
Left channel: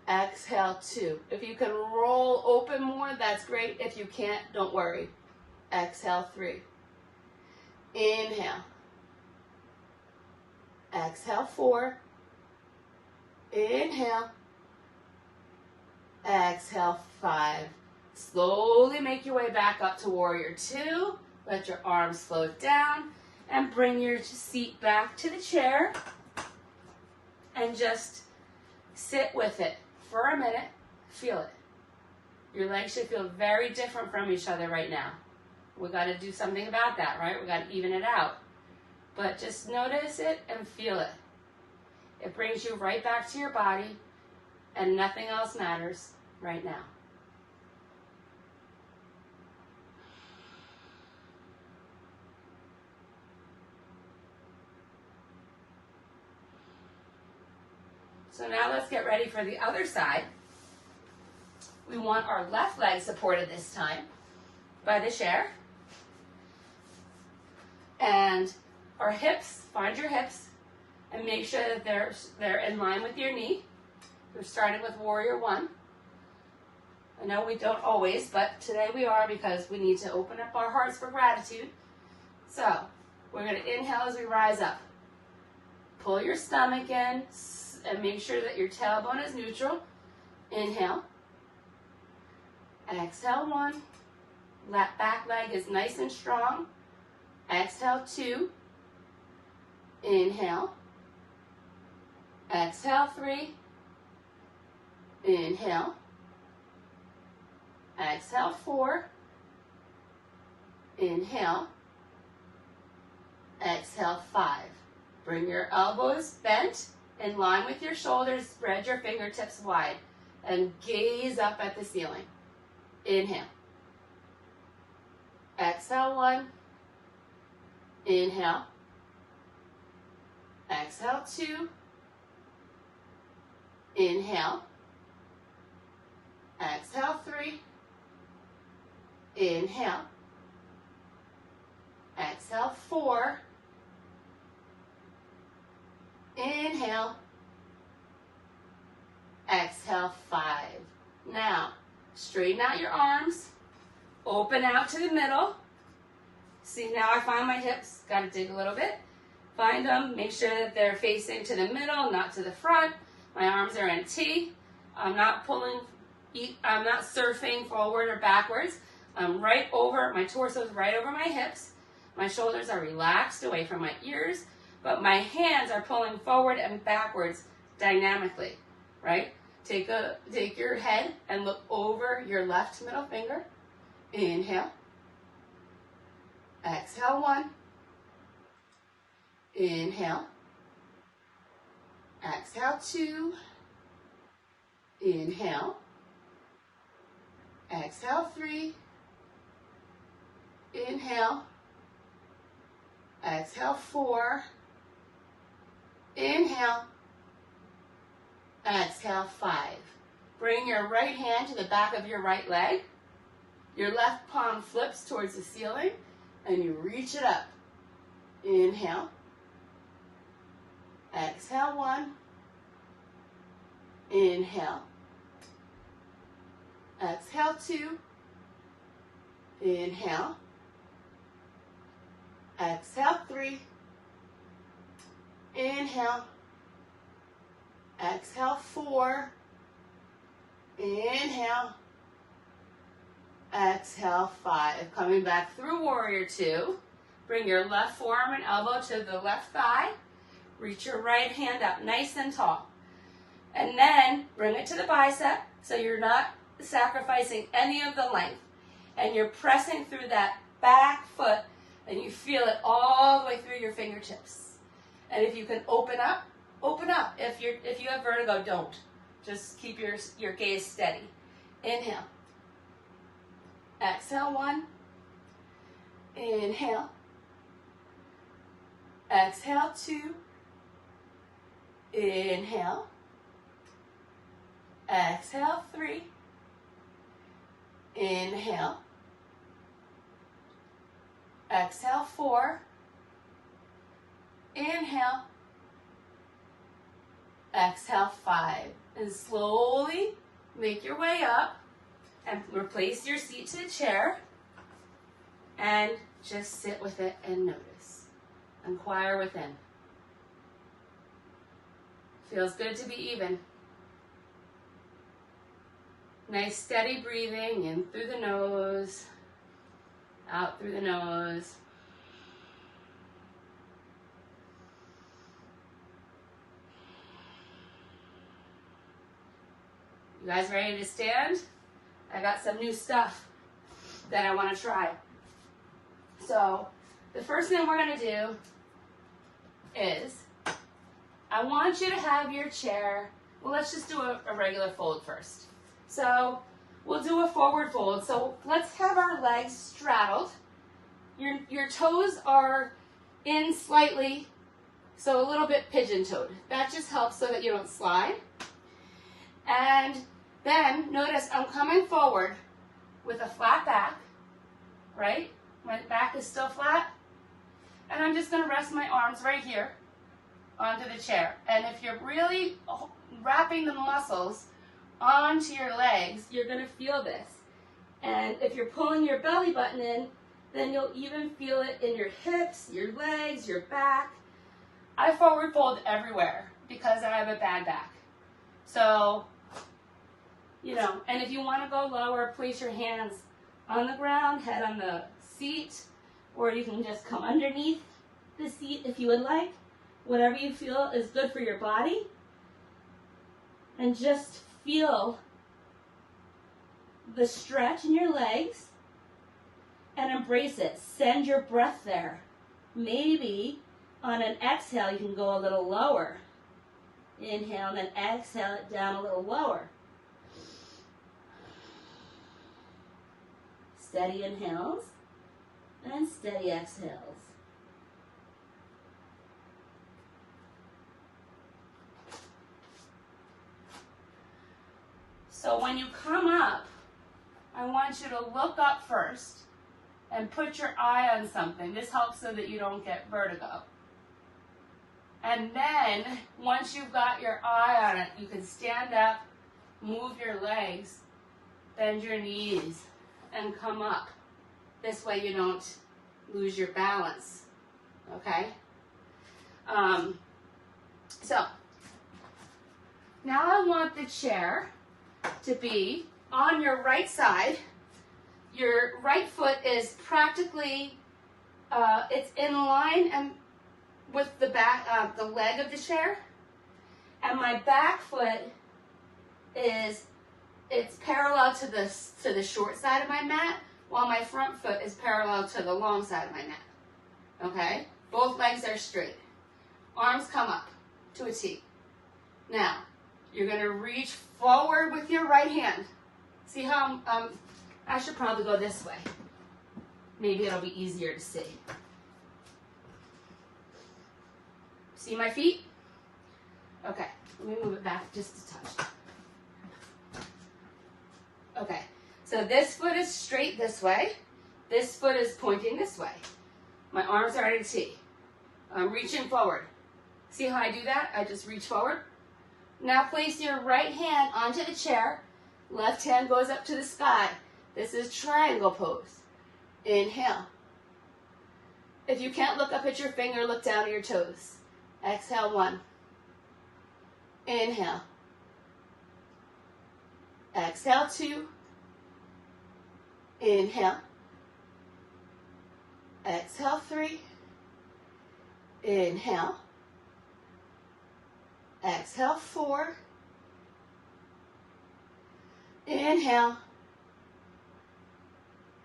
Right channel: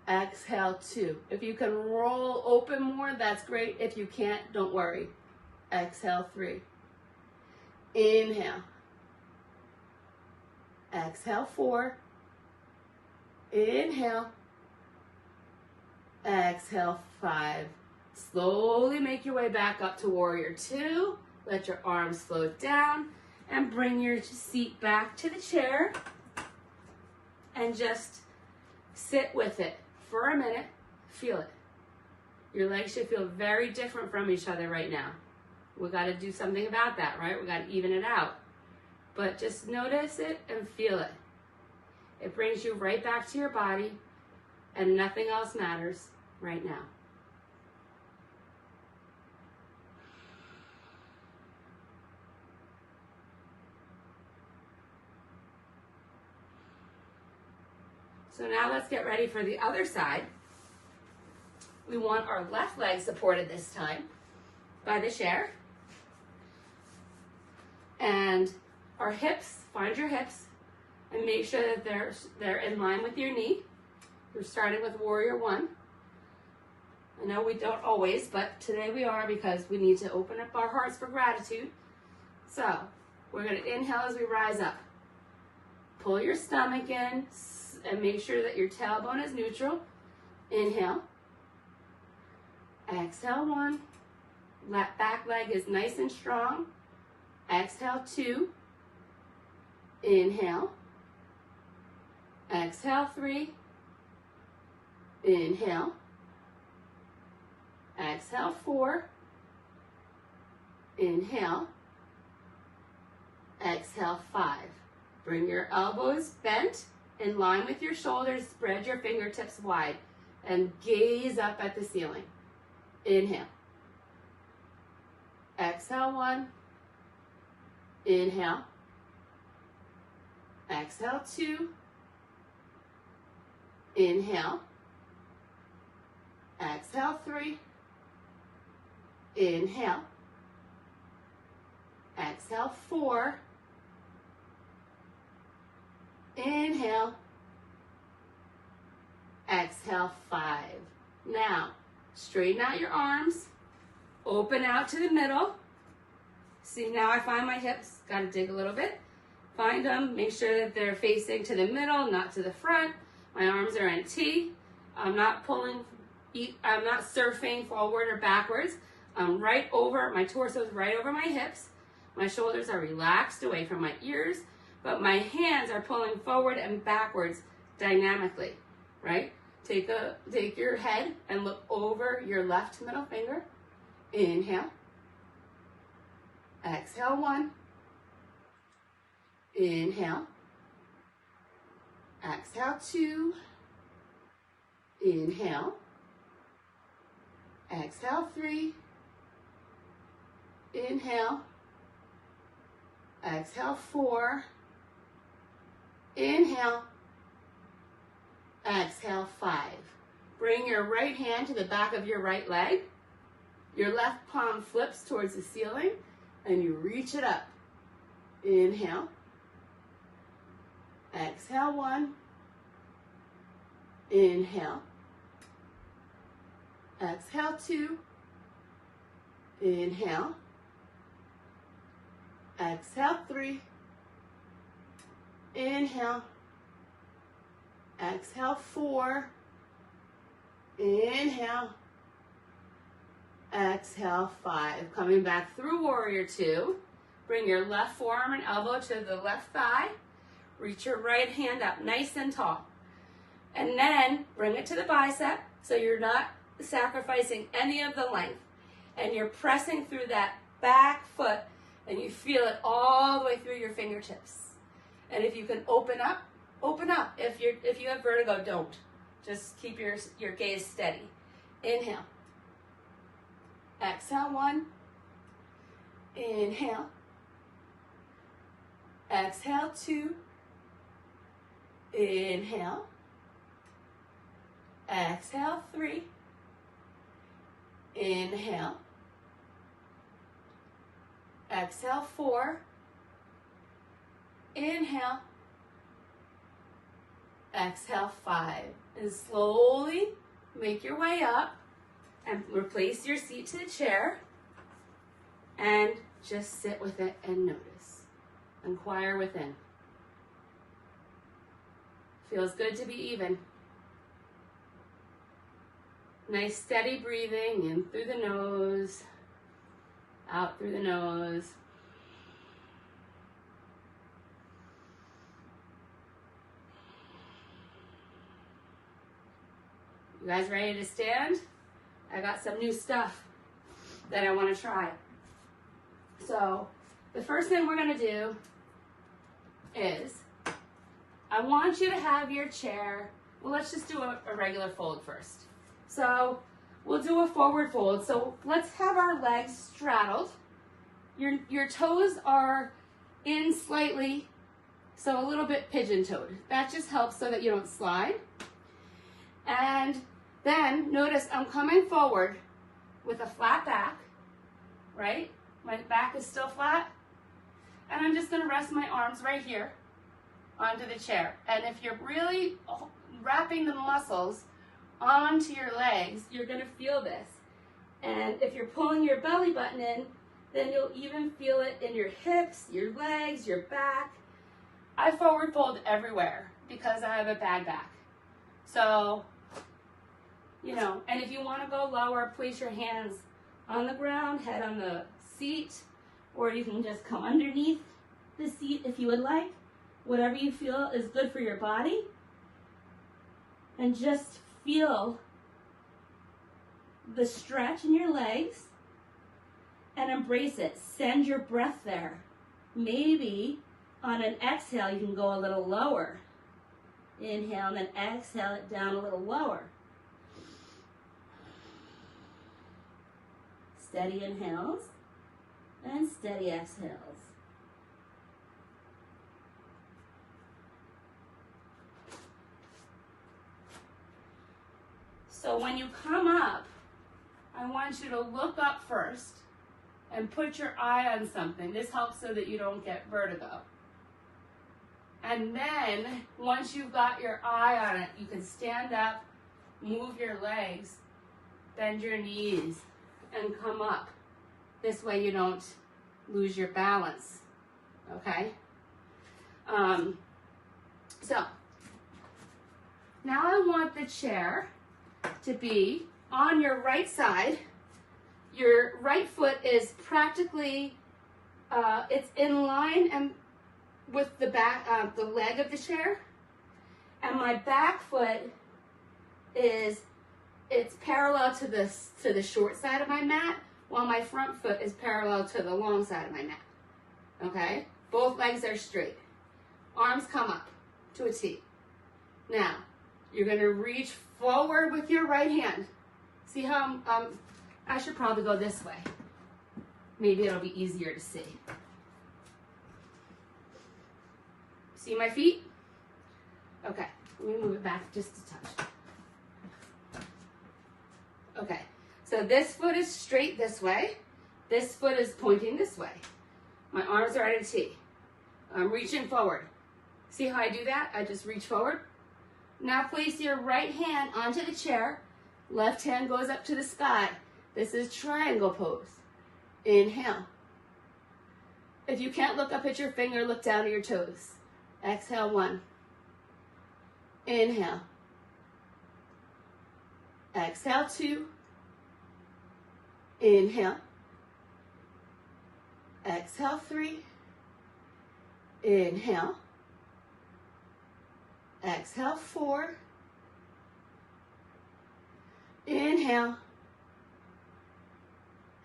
Exhale, 2. If you can roll open more, that's great. If you can't, don't worry. Exhale, 3. Inhale. Exhale, 4. Inhale. Exhale, 5. Slowly make your way back up to warrior 2. Let your arms float down and bring your seat back to the chair and just sit with it for a minute. Feel it. Your legs should feel very different from each other right now. We got to do something about that, right? We got to even it out. But just notice it and feel it. It brings you right back to your body, and nothing else matters right now. So now let's get ready for the other side. We want our left leg supported this time by the chair. And our hips, find your hips and make sure that they're in line with your knee. We're starting with warrior 1. I know we don't always, but today we are because we need to open up our hearts for gratitude. So we're going to inhale as we rise up. Pull your stomach in and make sure that your tailbone is neutral. Inhale. Exhale, 1. Back leg is nice and strong. Exhale, 2. Inhale. Exhale, 3. Inhale. Exhale, 4. Inhale. Exhale, 5. Bring your elbows bent in line with your shoulders. Spread your fingertips wide and gaze up at the ceiling. Inhale. Exhale, 1. Inhale. Exhale, 2. Inhale. Exhale, 3. Inhale. Exhale, 4. Inhale. Exhale, 5. Now, straighten out your arms. Open out to the middle. See, now I find my hips. Got to dig a little bit. Find them. Make sure that they're facing to the middle, not to the front. My arms are in T. I'm not surfing forward or backwards. I'm right over, my torso is right over my hips. My shoulders are relaxed away from my ears, but my hands are pulling forward and backwards dynamically, right? Take your head and look over your left middle finger. Inhale. Exhale, 1. Inhale. Exhale, 2. Inhale. Exhale, 3. Inhale. Exhale, 4. Inhale. Exhale, 5. Bring your right hand to the back of your right leg. Your left palm flips towards the ceiling and you reach it up. Inhale. Exhale, 1. Inhale. Exhale, 2. Inhale. Exhale, 3. Inhale. Exhale, 4. Inhale. Exhale, 5. Coming back through warrior 2. Bring your left forearm and elbow to the left thigh. Reach your right hand up nice and tall. And then bring it to the bicep so you're not sacrificing any of the length. And you're pressing through that back foot and you feel it all the way through your fingertips. And if you can open up, open up. If you have vertigo, don't. Just keep your gaze steady. Inhale. Exhale, 1. Inhale. Exhale, 2. Inhale. Exhale, 3. Inhale. Exhale, 4. Inhale. Exhale, 5. And slowly make your way up and replace your seat to the chair and just sit with it and notice. Inquire within. Feels good to be even. Nice steady breathing in through the nose, out through the nose. You guys ready to stand? I got some new stuff that I want to try. So the first thing we're going to do is I want you to have your chair, well, let's just do a regular fold first. So we'll do a forward fold. So let's have our legs straddled. Your toes are in slightly, so a little bit pigeon-toed. That just helps so that you don't slide. And then notice I'm coming forward with a flat back, right? My back is still flat. And I'm just gonna rest my arms right here onto the chair. And if you're really wrapping the muscles onto your legs, you're gonna feel this. And if you're pulling your belly button in, then you'll even feel it in your hips, your legs, your back. I forward fold everywhere because I have a bad back. So, you know, and if you want to go lower, place your hands on the ground, head on the seat, or you can just come underneath the seat if you would like. Whatever you feel is good for your body. And just feel the stretch in your legs and embrace it. Send your breath there. Maybe on an exhale, you can go a little lower. Inhale and then exhale it down a little lower. Steady inhales and steady exhales. So when you come up, I want you to look up first and put your eye on something. This helps so that you don't get vertigo. And then, once you've got your eye on it, you can stand up, move your legs, bend your knees, and come up. This way you don't lose your balance, okay? So, now I want the chair to be on your right side. Your right foot is practically, it's in line and with the back, the leg of the chair, and my back foot is, it's parallel to the short side of my mat, while my front foot is parallel to the long side of my mat. Okay? Both legs are straight. Arms come up to a T. Now, you're going to reach forward with your right hand. See how I should probably go this way. Maybe it'll be easier to see. See my feet? Okay, let me move it back just a touch. Okay, so this foot is straight this way. This foot is pointing this way. My arms are at a T. I'm reaching forward. See how I do that? I just reach forward. Now place your right hand onto the chair. Left hand goes up to the sky. This is triangle pose. Inhale. If you can't look up at your finger, look down at your toes. Exhale, 1. Inhale. Exhale, 2. Inhale. Exhale, 3. Inhale. Exhale, 4. Inhale.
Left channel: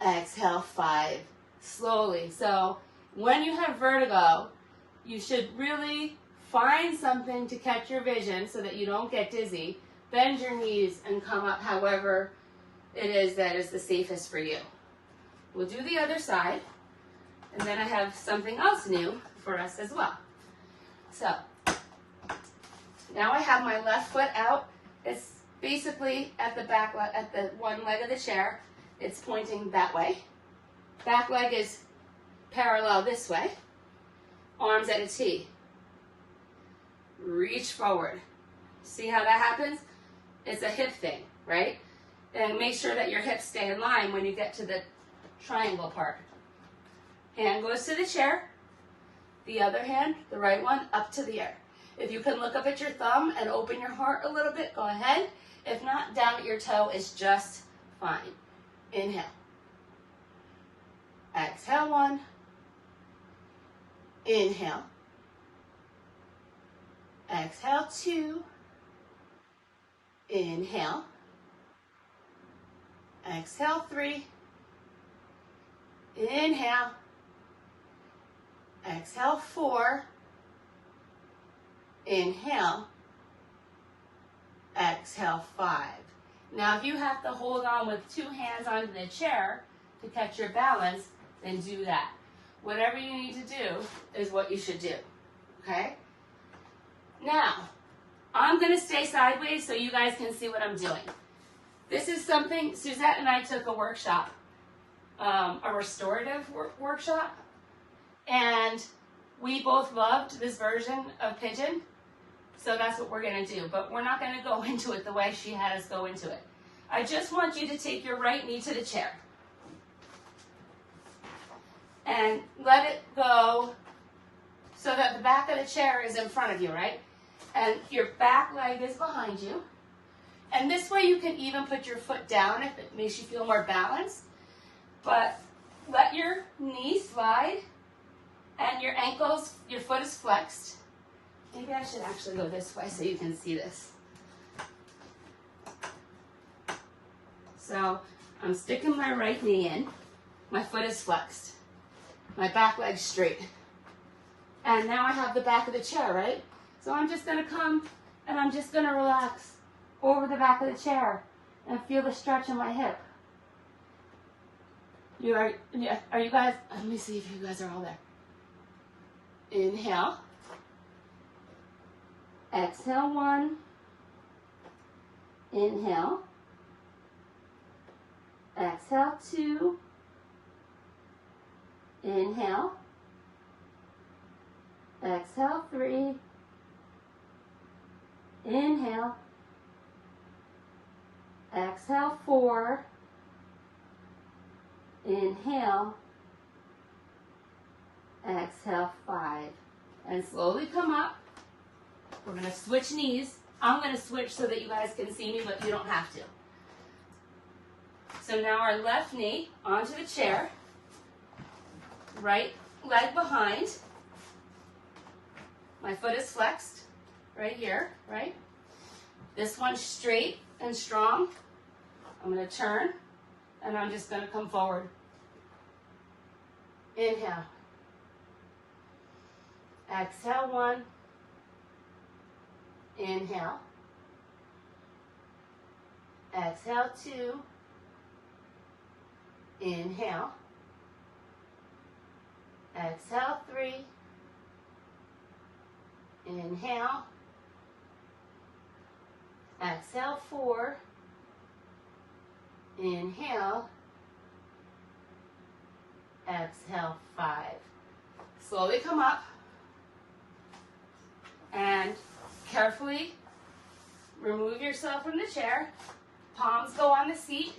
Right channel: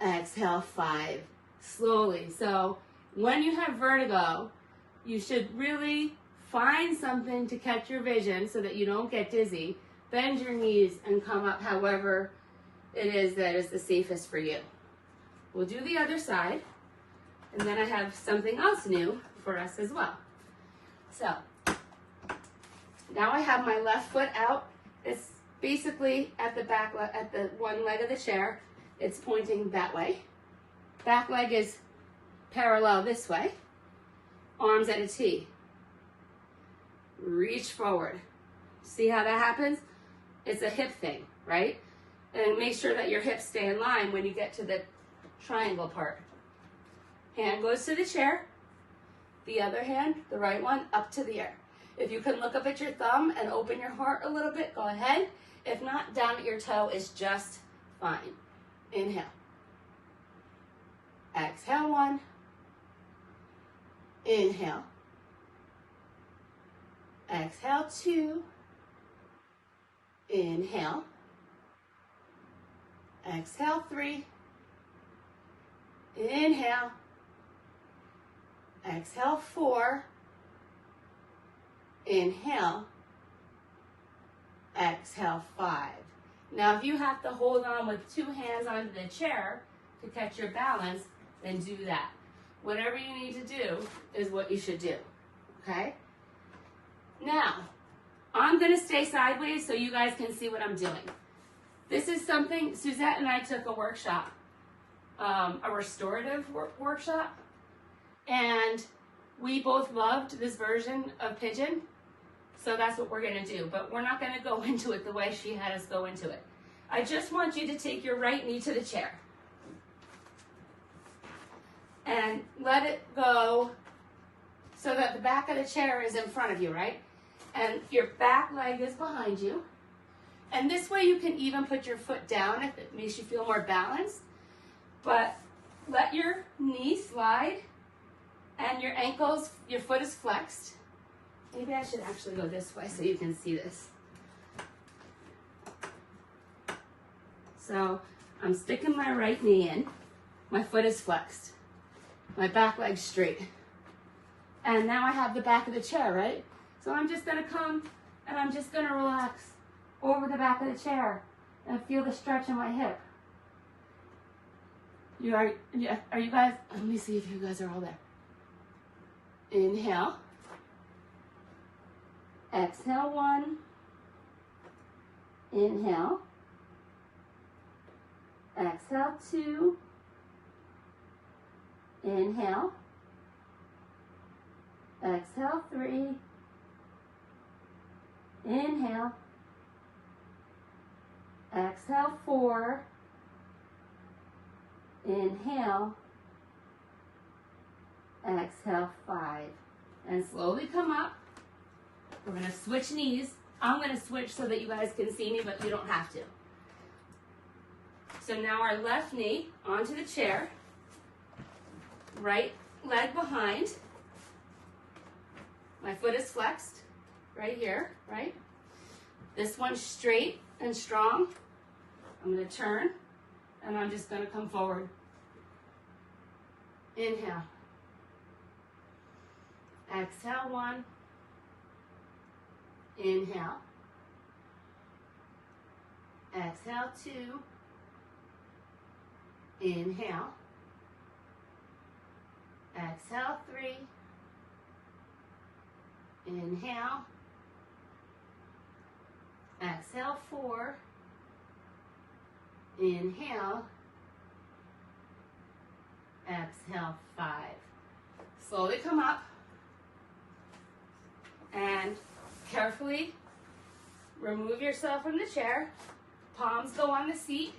Exhale, 5. Slowly. So when you have vertigo, you should really find something to catch your vision so that you don't get dizzy. Bend your knees and come up however it is that is the safest for you. We'll do the other side, and then I have something else new for us as well. So now I have my left foot out. It's basically at the back, at the one leg of the chair. It's pointing that way. Back leg is parallel this way. Arms at a T. Reach forward. See how that happens? It's a hip thing, right? And make sure that your hips stay in line when you get to the triangle part. Hand goes to the chair. The other hand, the right one, up to the air. If you can look up at your thumb and open your heart a little bit, go ahead. If not, down at your toe is just fine. Inhale. Exhale, 1. Inhale. Exhale, 2. Inhale. Exhale, 3. Inhale. Exhale, 4. Inhale. Exhale, 5. Now, if you have to hold on with 2 hands onto the chair to catch your balance, then do that. Whatever you need to do is what you should do, okay? Now, I'm going to stay sideways so you guys can see what I'm doing. This is something, Suzette and I took a workshop, a restorative workshop, and we both loved this version of pigeon, so that's what we're going to do. But we're not going to go into it the way she had us go into it. I just want you to take your right knee to the chair and let it go so that the back of the chair is in front of you, right? And your back leg is behind you. And this way you can even put your foot down if it makes you feel more balanced. But let your knee slide and your ankles, your foot is flexed. Maybe I should actually go this way so you can see this. So I'm sticking my right knee in. My foot is flexed. My back leg's straight. And now I have the back of the chair, right? So I'm just gonna come and I'm just gonna relax over the back of the chair and feel the stretch in my hip. Are you guys, let me see if you guys are all there. Inhale. Exhale, 1. Inhale. Exhale, 2. Inhale. Exhale, 3. Inhale. Exhale, 4. Inhale. Exhale, 5. And slowly come up. We're going to switch knees. I'm going to switch so that you guys can see me, but you don't have to. So now our left knee onto the chair. Right leg behind. My foot is flexed right here, right? This one's straight and strong. I'm going to turn and I'm just going to come forward. Inhale. Exhale, 1. Inhale. Exhale, 2. Inhale. Exhale, 3. Inhale. Exhale, 4. Inhale. Exhale, 5. Slowly come up and carefully remove yourself from the chair. Palms go on the seat.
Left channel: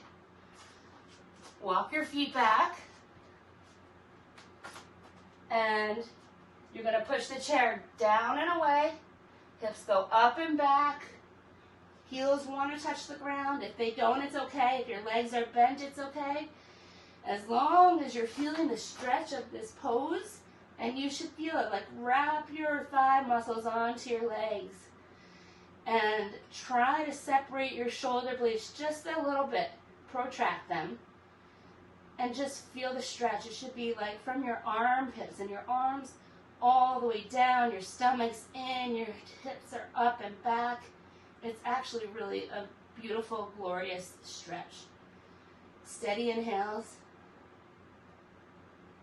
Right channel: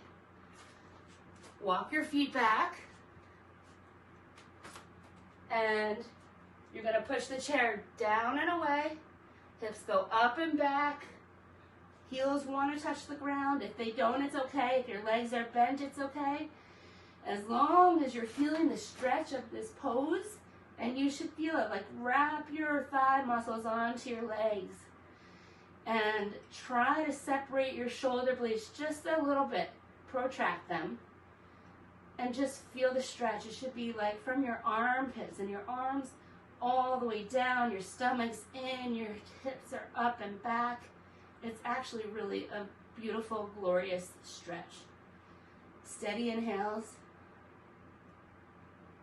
Walk your feet back. And you're going to push the chair down and away. Hips go up and back. Heels want to touch the ground. If they don't, it's okay. If your legs are bent, it's okay. As long as you're feeling the stretch of this pose, and you should feel it, like wrap your thigh muscles onto your legs. And try to separate your shoulder blades just a little bit. Protract them. And just feel the stretch. It should be like from your armpits and your arms all the way down, your stomach's in, your hips are up and back. It's actually really a beautiful, glorious stretch. Steady inhales,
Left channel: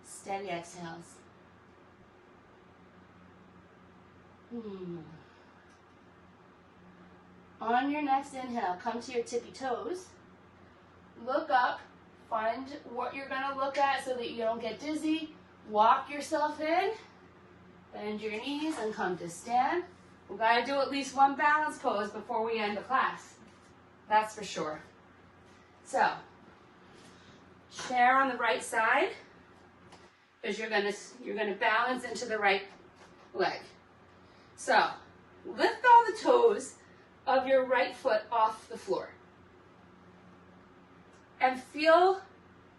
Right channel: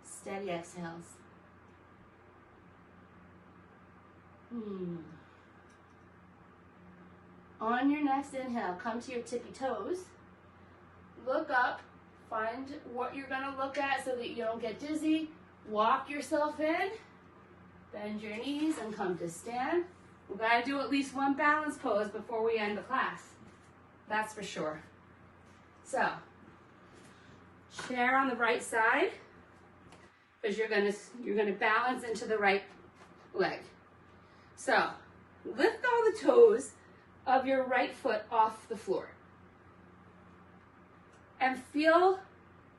steady exhales. On your next inhale, come to your tippy toes. Look up, find what you're going to look at so that you don't get dizzy. Walk yourself in, bend your knees and come to stand. We've got to do at least one balance pose before we end the class. That's for sure. So, chair on the right side, because you're gonna balance into the right leg. So, lift all the toes of your right foot off the floor. And feel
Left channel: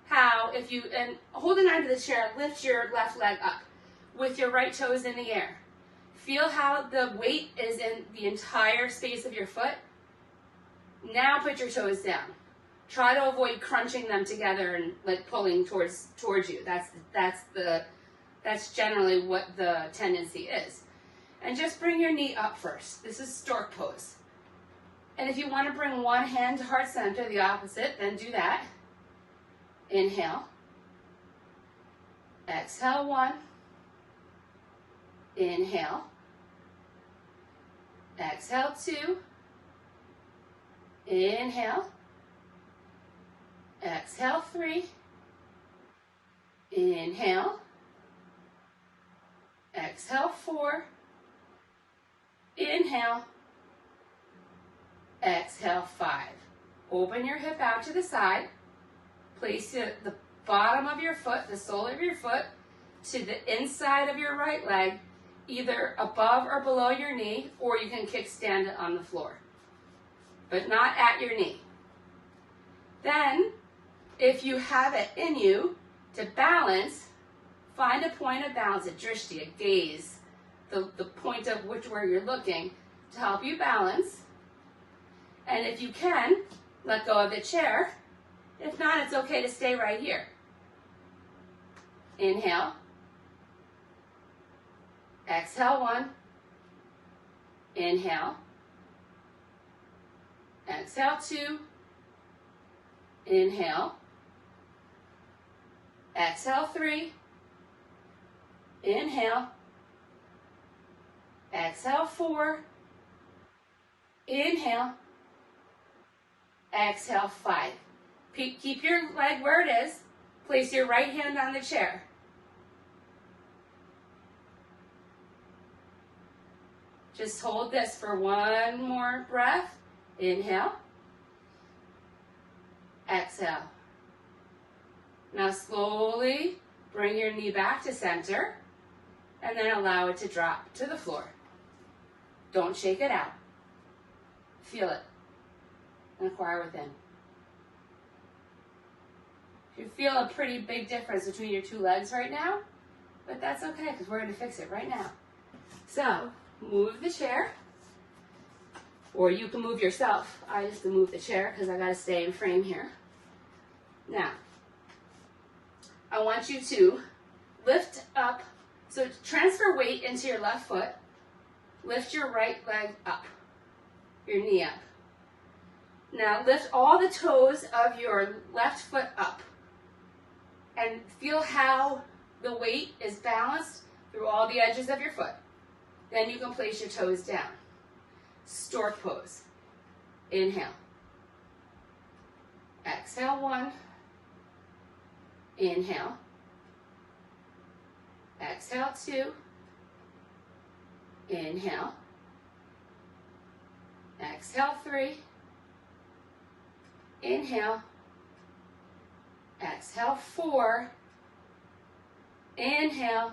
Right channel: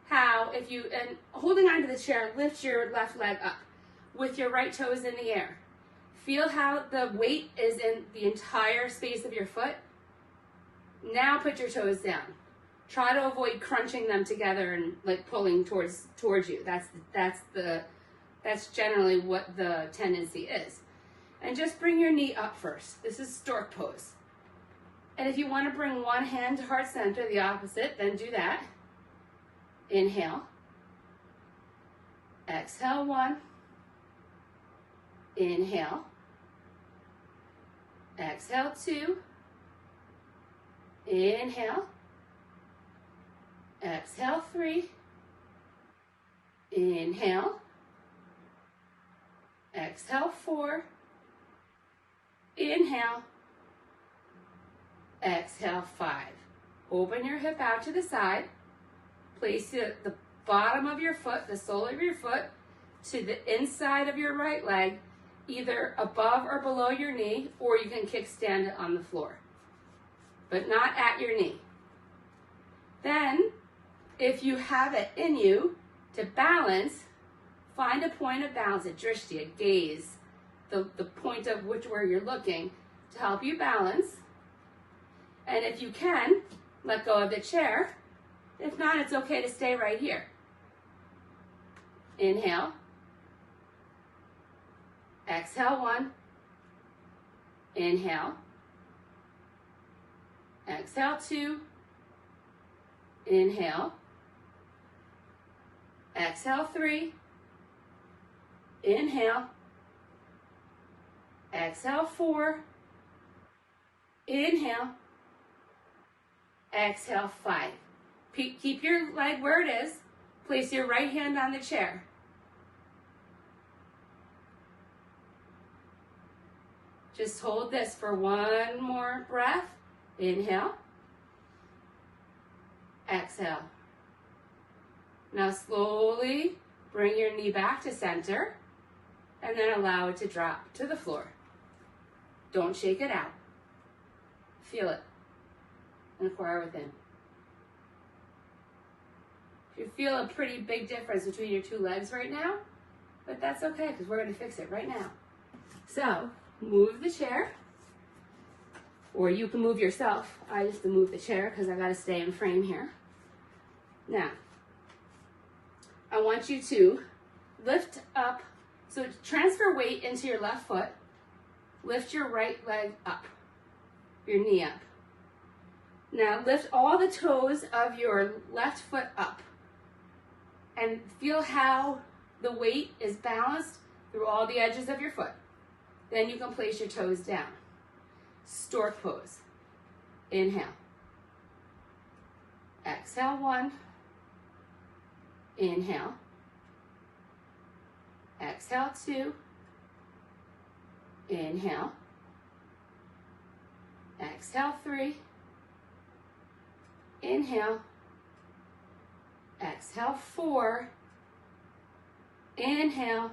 how, and holding onto the chair, lift your left leg up with your right toes in the air. Feel how the weight is in the entire space of your foot. Now put your toes down. Try to avoid crunching them together and like pulling towards you. That's generally what the tendency is. And just bring your knee up first. This is stork pose. And if you want to bring one hand to heart center, the opposite, then do that. Inhale. Exhale, 1. Inhale. Exhale, 2. Inhale. Exhale, 3. Inhale. Exhale, 4. Inhale. Exhale, 5. Open your hip out to the side. Place the bottom of your foot, the sole of your foot, to the inside of your right leg, either above or below your knee, or you can kickstand it on the floor, but not at your knee. Then, if you have it in you to balance, find a point of balance, a drishti, a gaze, the point of where you're looking to help you balance. And if you can, let go of the chair. If not, it's okay to stay right here. Inhale. Exhale, 1. Inhale. Exhale, 2. Inhale. Exhale, 3. Inhale. Exhale, 4. Inhale. Exhale, 5. Keep your leg where it is. Place your right hand on the chair. Just hold this for one more breath. Inhale. Exhale. Now slowly bring your knee back to center and then allow it to drop to the floor. Don't shake it out. Feel it. Inquire within. You feel a pretty big difference between your two legs right now, but that's okay because we're going to fix it right now. So, move the chair, or you can move yourself. I just can move the chair because I got to stay in frame here. Now, I want you to lift up, so transfer weight into your left foot, lift your right leg up, your knee up. Now lift all the toes of your left foot up and feel how the weight is balanced through all the edges of your foot. Then you can place your toes down. Stork pose. Inhale. Exhale, 1. Inhale. Exhale, 2. Inhale. Exhale, 3. Inhale. Exhale, 4. Inhale.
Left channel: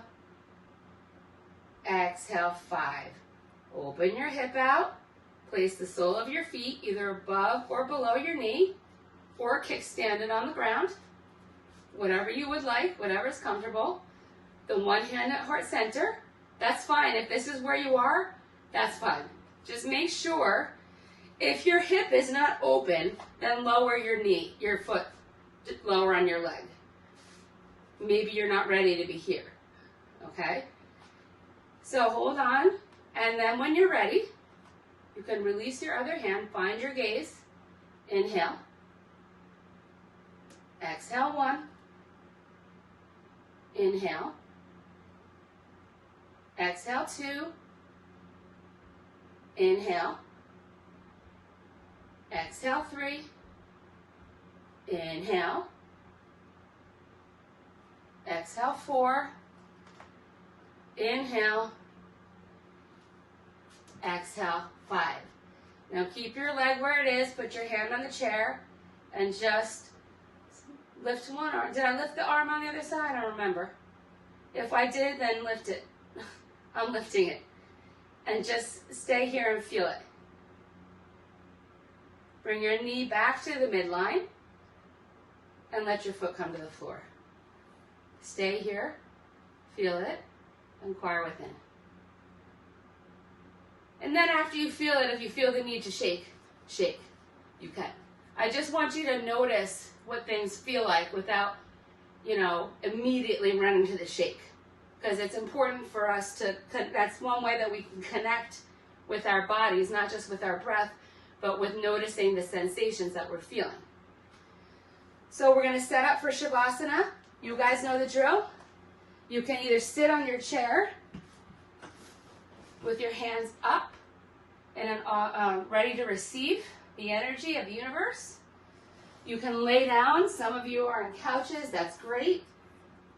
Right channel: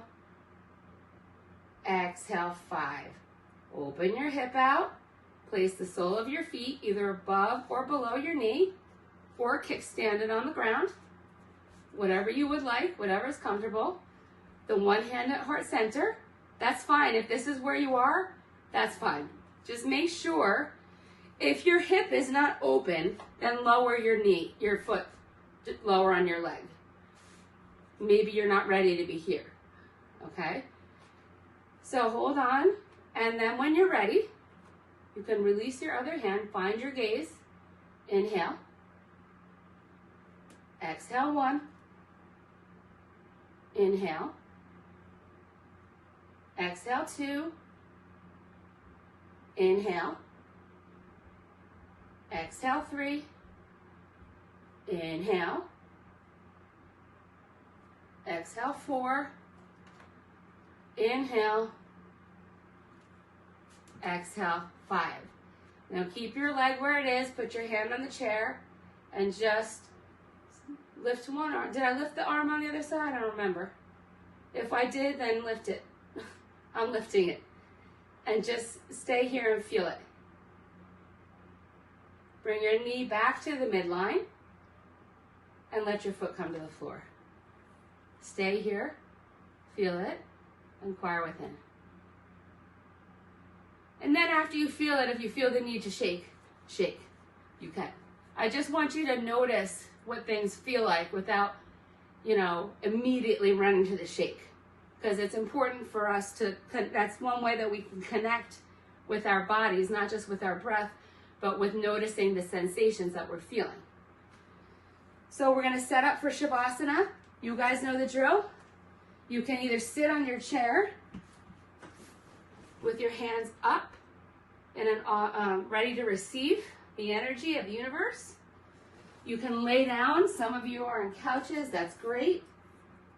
Exhale, 5. Open your hip out. Place the sole of your feet either above or below your knee, or kickstand it on the ground. Whatever you would like, whatever is comfortable. The one hand at heart center. That's fine. If this is where you are, that's fine. Just make sure if your hip is not open, then lower your knee, your foot lower on your leg. Maybe you're not ready to be here. Okay? So hold on, and then when you're ready, you can release your other hand, find your gaze. Inhale. Exhale, 1. Inhale. Exhale, 2. Inhale. Exhale, 3. Inhale. Exhale, 4. Inhale. Exhale, 5. Now keep your leg where it is, put your hand on the chair, and just lift one arm. Did I lift the arm on the other side? I don't remember. If I did, then lift it. I'm lifting it. And just stay here and feel it. Bring your knee back to the midline and let your foot come to the floor. Stay here, feel it, inquire within. And then after you feel it, if you feel the need to shake, shake. You can. I just want you to notice what things feel like without, immediately running to the shake. Because it's important for us to, that's one way that we can connect with our bodies, not just with our breath, but with noticing the sensations that we're feeling. So we're going to set up for Shavasana. You guys know the drill. You can either sit on your chair with your hands up and ready to receive the energy of the universe. You can lay down. Some of you are on couches. That's great.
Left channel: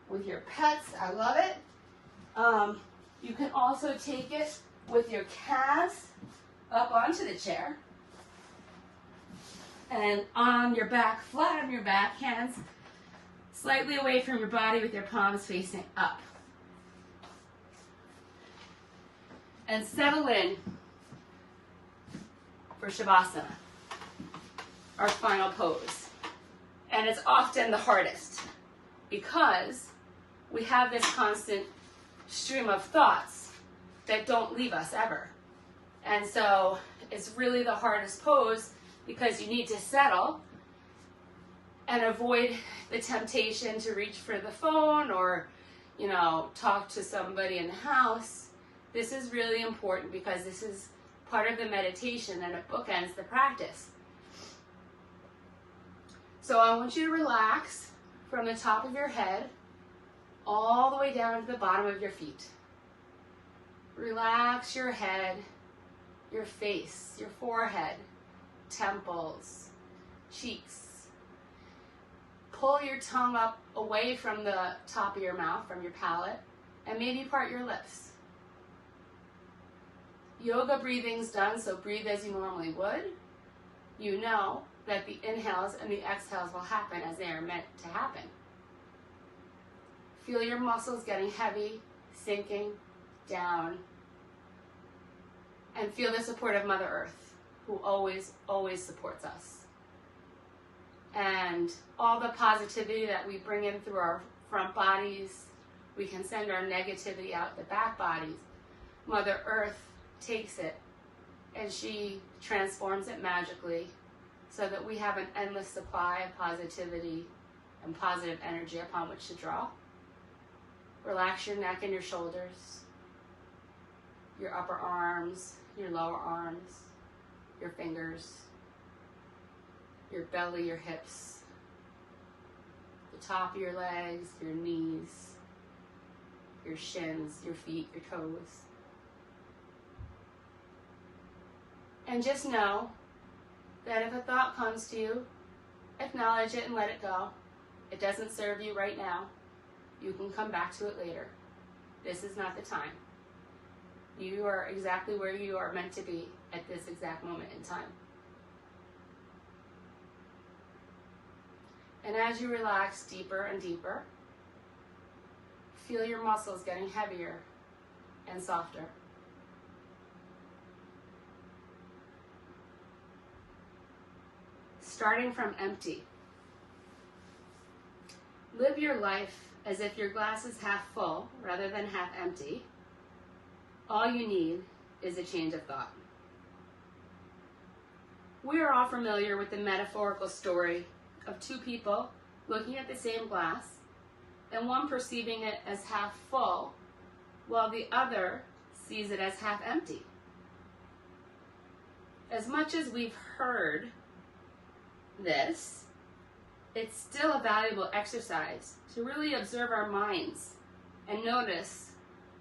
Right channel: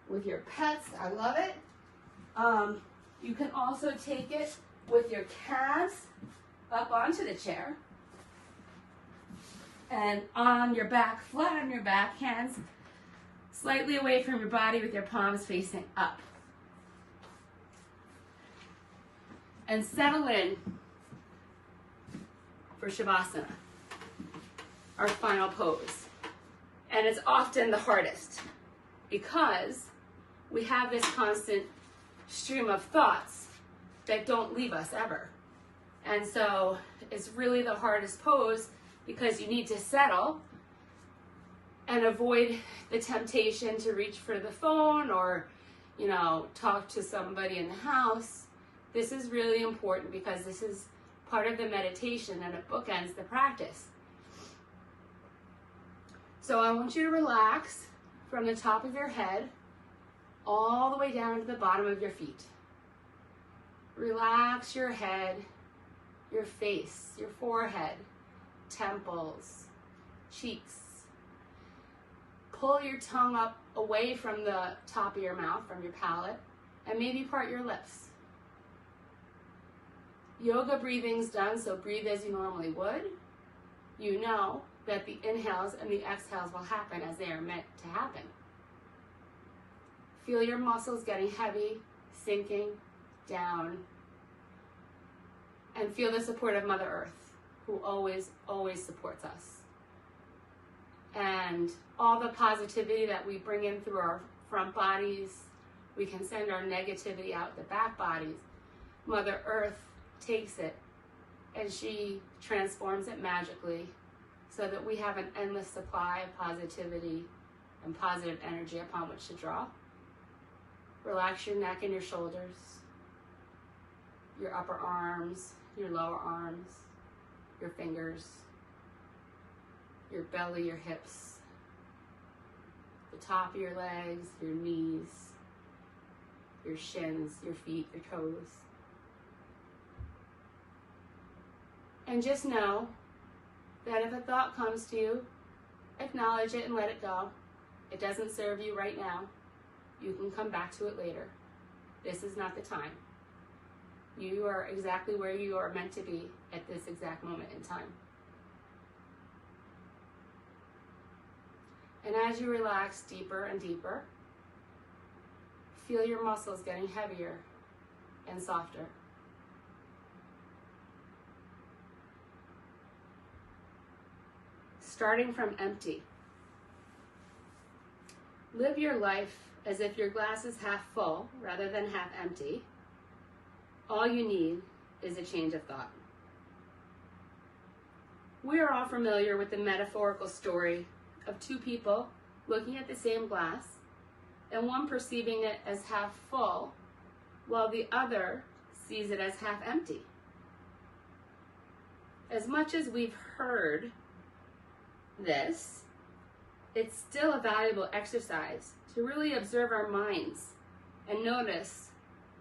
With your pets. I love it. You can also take it with your calves up onto the chair. And on your back, flat on your back, hands slightly away from your body with your palms facing up. And settle in for Shavasana, our final pose. And it's often the hardest because we have this constant stream of thoughts that don't leave us ever. And so it's really the hardest pose because you need to settle and avoid the temptation to reach for the phone or, talk to somebody in the house. This is really important because this is part of the meditation and it bookends the practice. So I want you to relax from the top of your head all the way down to the bottom of your feet. Relax your head, your face, your forehead, temples, cheeks. Pull your tongue up away from the top of your mouth, from your palate, and maybe part your lips. Yoga breathing's done, so breathe as you normally would. You know that the inhales and the exhales will happen as they are meant to happen. Feel your muscles getting heavy, sinking down, and feel the support of Mother Earth, who always, always supports us. And all the positivity that we bring in through our front bodies, we can send our negativity out the back bodies. Mother Earth takes it and she transforms it magically so that we have an endless supply of positivity and positive energy upon which to draw. Relax your neck and your shoulders, your upper arms, your lower arms, your fingers, your belly, your hips, the top of your legs, your knees, your shins, your feet, your toes. And just know that if a thought comes to you, acknowledge it and let it go. It doesn't serve you right now. You can come back to it later. This is not the time. You are exactly where you are meant to be at this exact moment in time. And as you relax deeper and deeper, feel your muscles getting heavier and softer. Starting from empty. Live your life as if your glass is half full rather than half empty. All you need is a change of thought. We are all familiar with the metaphorical story of two people looking at the same glass and one perceiving it as half full while the other sees it as half empty. As much as we've heard this, it's still a valuable exercise to really observe our minds and notice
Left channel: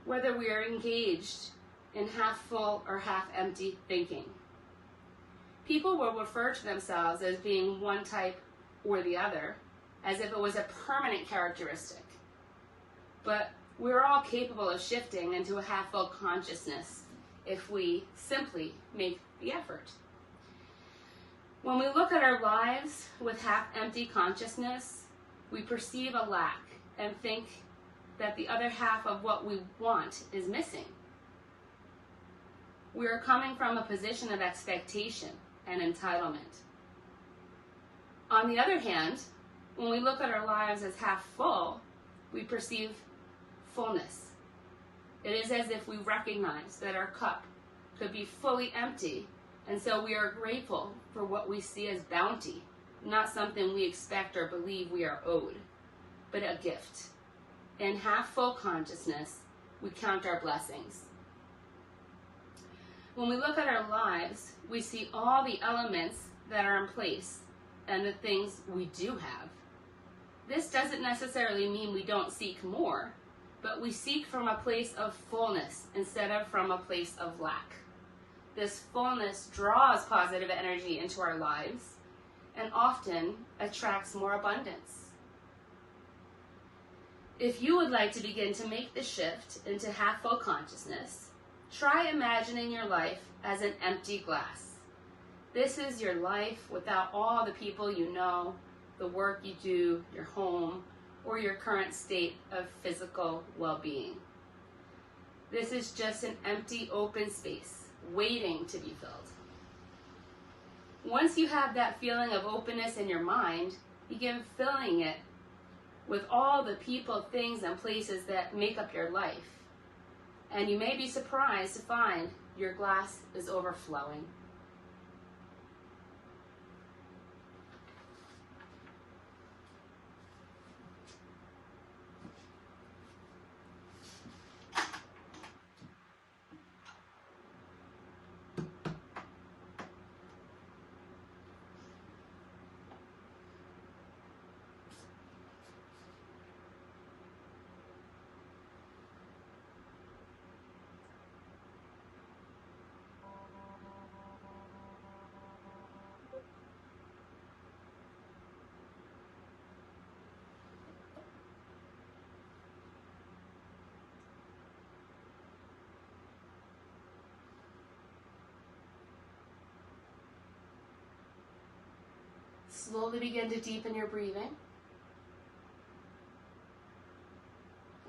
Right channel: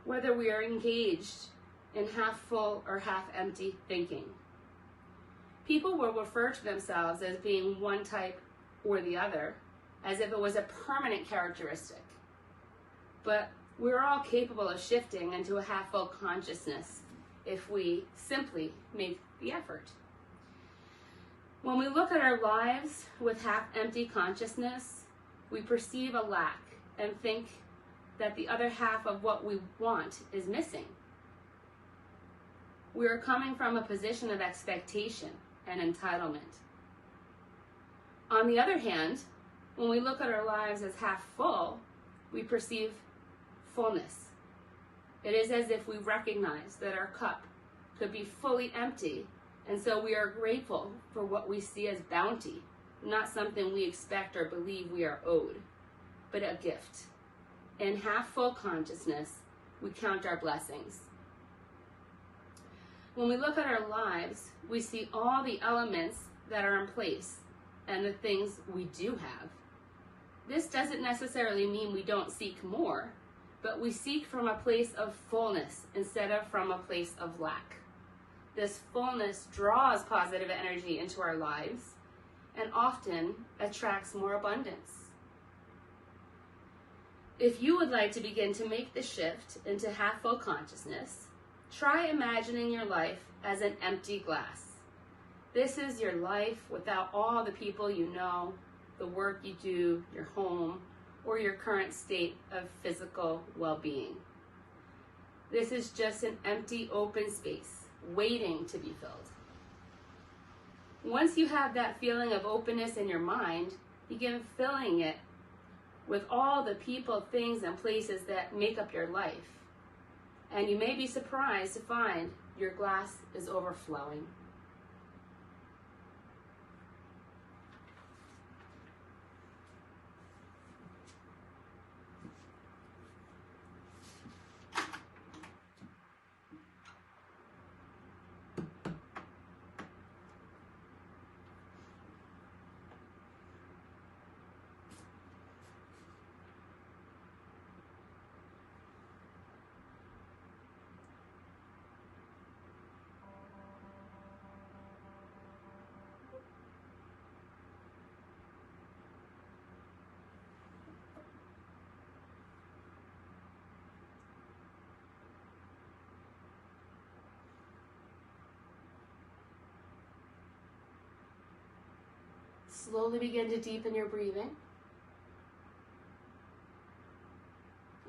whether we are engaged in half full or half empty thinking. People will refer to themselves as being one type or the other, as if it was a permanent characteristic. But we're all capable of shifting into a half full consciousness if we simply make the effort. When we look at our lives with half-empty consciousness, we perceive a lack and think that the other half of what we want is missing. We are coming from a position of expectation and entitlement. On the other hand, when we look at our lives as half full, we perceive fullness. It is as if we recognize that our cup could be fully empty, and so we are grateful for what we see as bounty, not something we expect or believe we are owed, but a gift. In half-full consciousness, we count our blessings. When we look at our lives, we see all the elements that are in place and the things we do have. This doesn't necessarily mean we don't seek more, but we seek from a place of fullness instead of from a place of lack. This fullness draws positive energy into our lives and often attracts more abundance. If you would like to begin to make the shift into half-full consciousness, try imagining your life as an empty glass. This is your life without all the people you know, the work you do, your home, or your current state of physical well-being. This is just an empty, open space, waiting to be filled. Once you have that feeling of openness in your mind, Begin filling it with all the people, things, and places that make up your life. And you may be surprised to find your glass is overflowing. Slowly begin to deepen your breathing.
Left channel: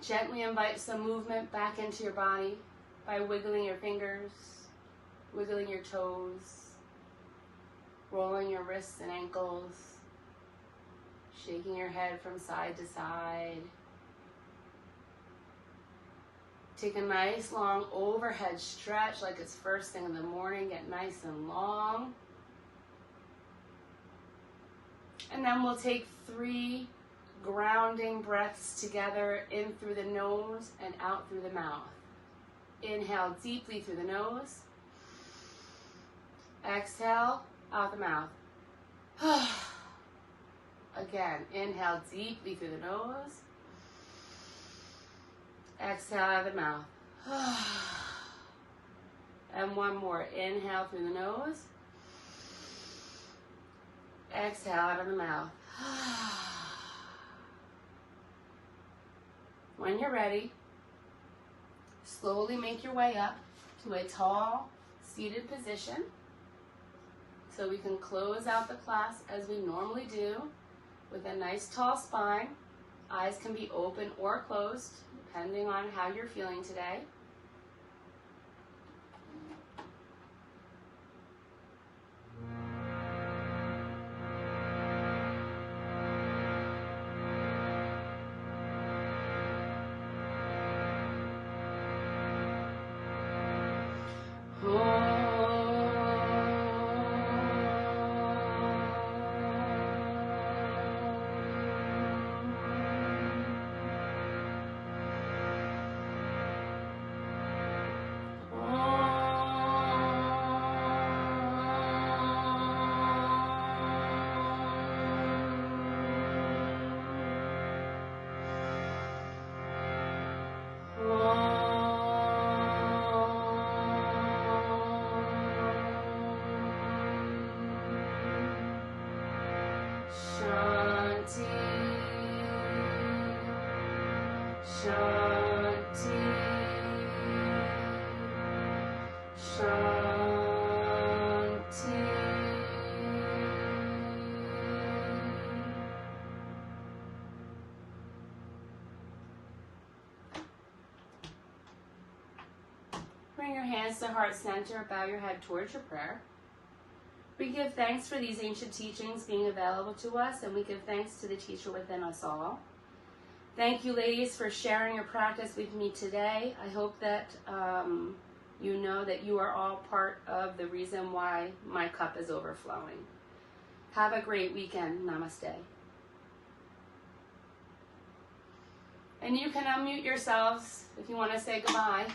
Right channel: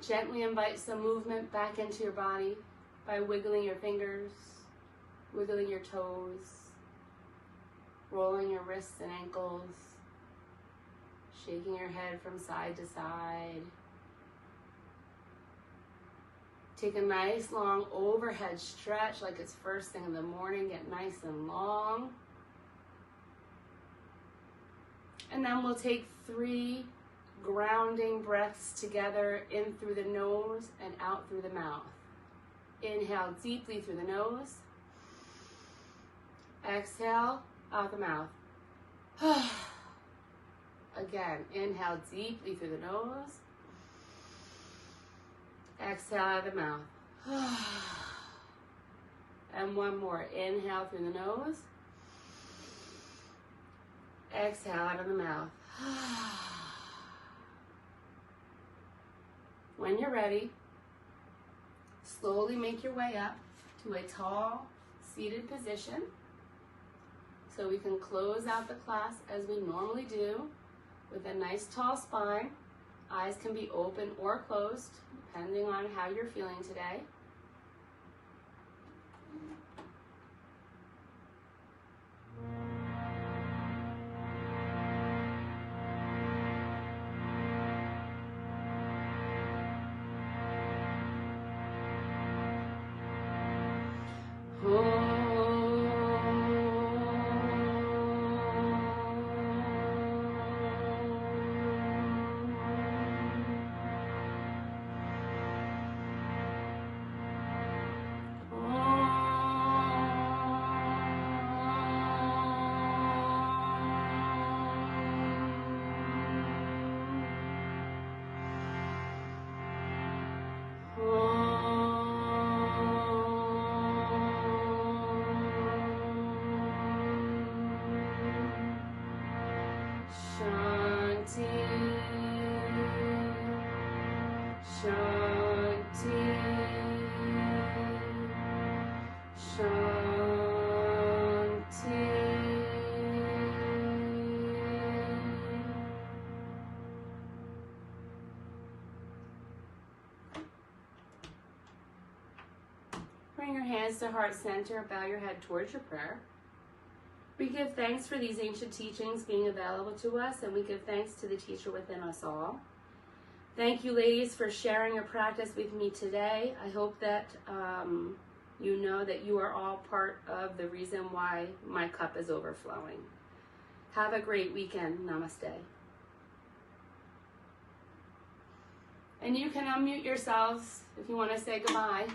Gently invite some movement back into your body by wiggling your fingers, wiggling your toes, rolling your wrists and ankles, shaking your head from side to side. Take a nice long overhead stretch like it's first thing in the morning. Get nice and long. And then we'll take 3 grounding breaths together, in through the nose and out through the mouth. Inhale deeply through the nose. Exhale out the mouth. Again, inhale deeply through the nose. Exhale out of the mouth. And one more. Inhale through the nose. Exhale out of the mouth. When you're ready, slowly make your way up to a tall, seated position so we can close out the class as we normally do with a nice tall spine. Eyes can be open or closed depending on how you're feeling today. Bring your hands to heart center, bow your head towards your prayer. We give thanks for these ancient teachings being available to us, and we give thanks to the teacher within us all. Thank you, ladies, for sharing your practice with me today. I hope that you know that you are all part of the reason why my cup is overflowing. Have a great weekend. Namaste. And you can unmute yourselves if you want to say goodbye.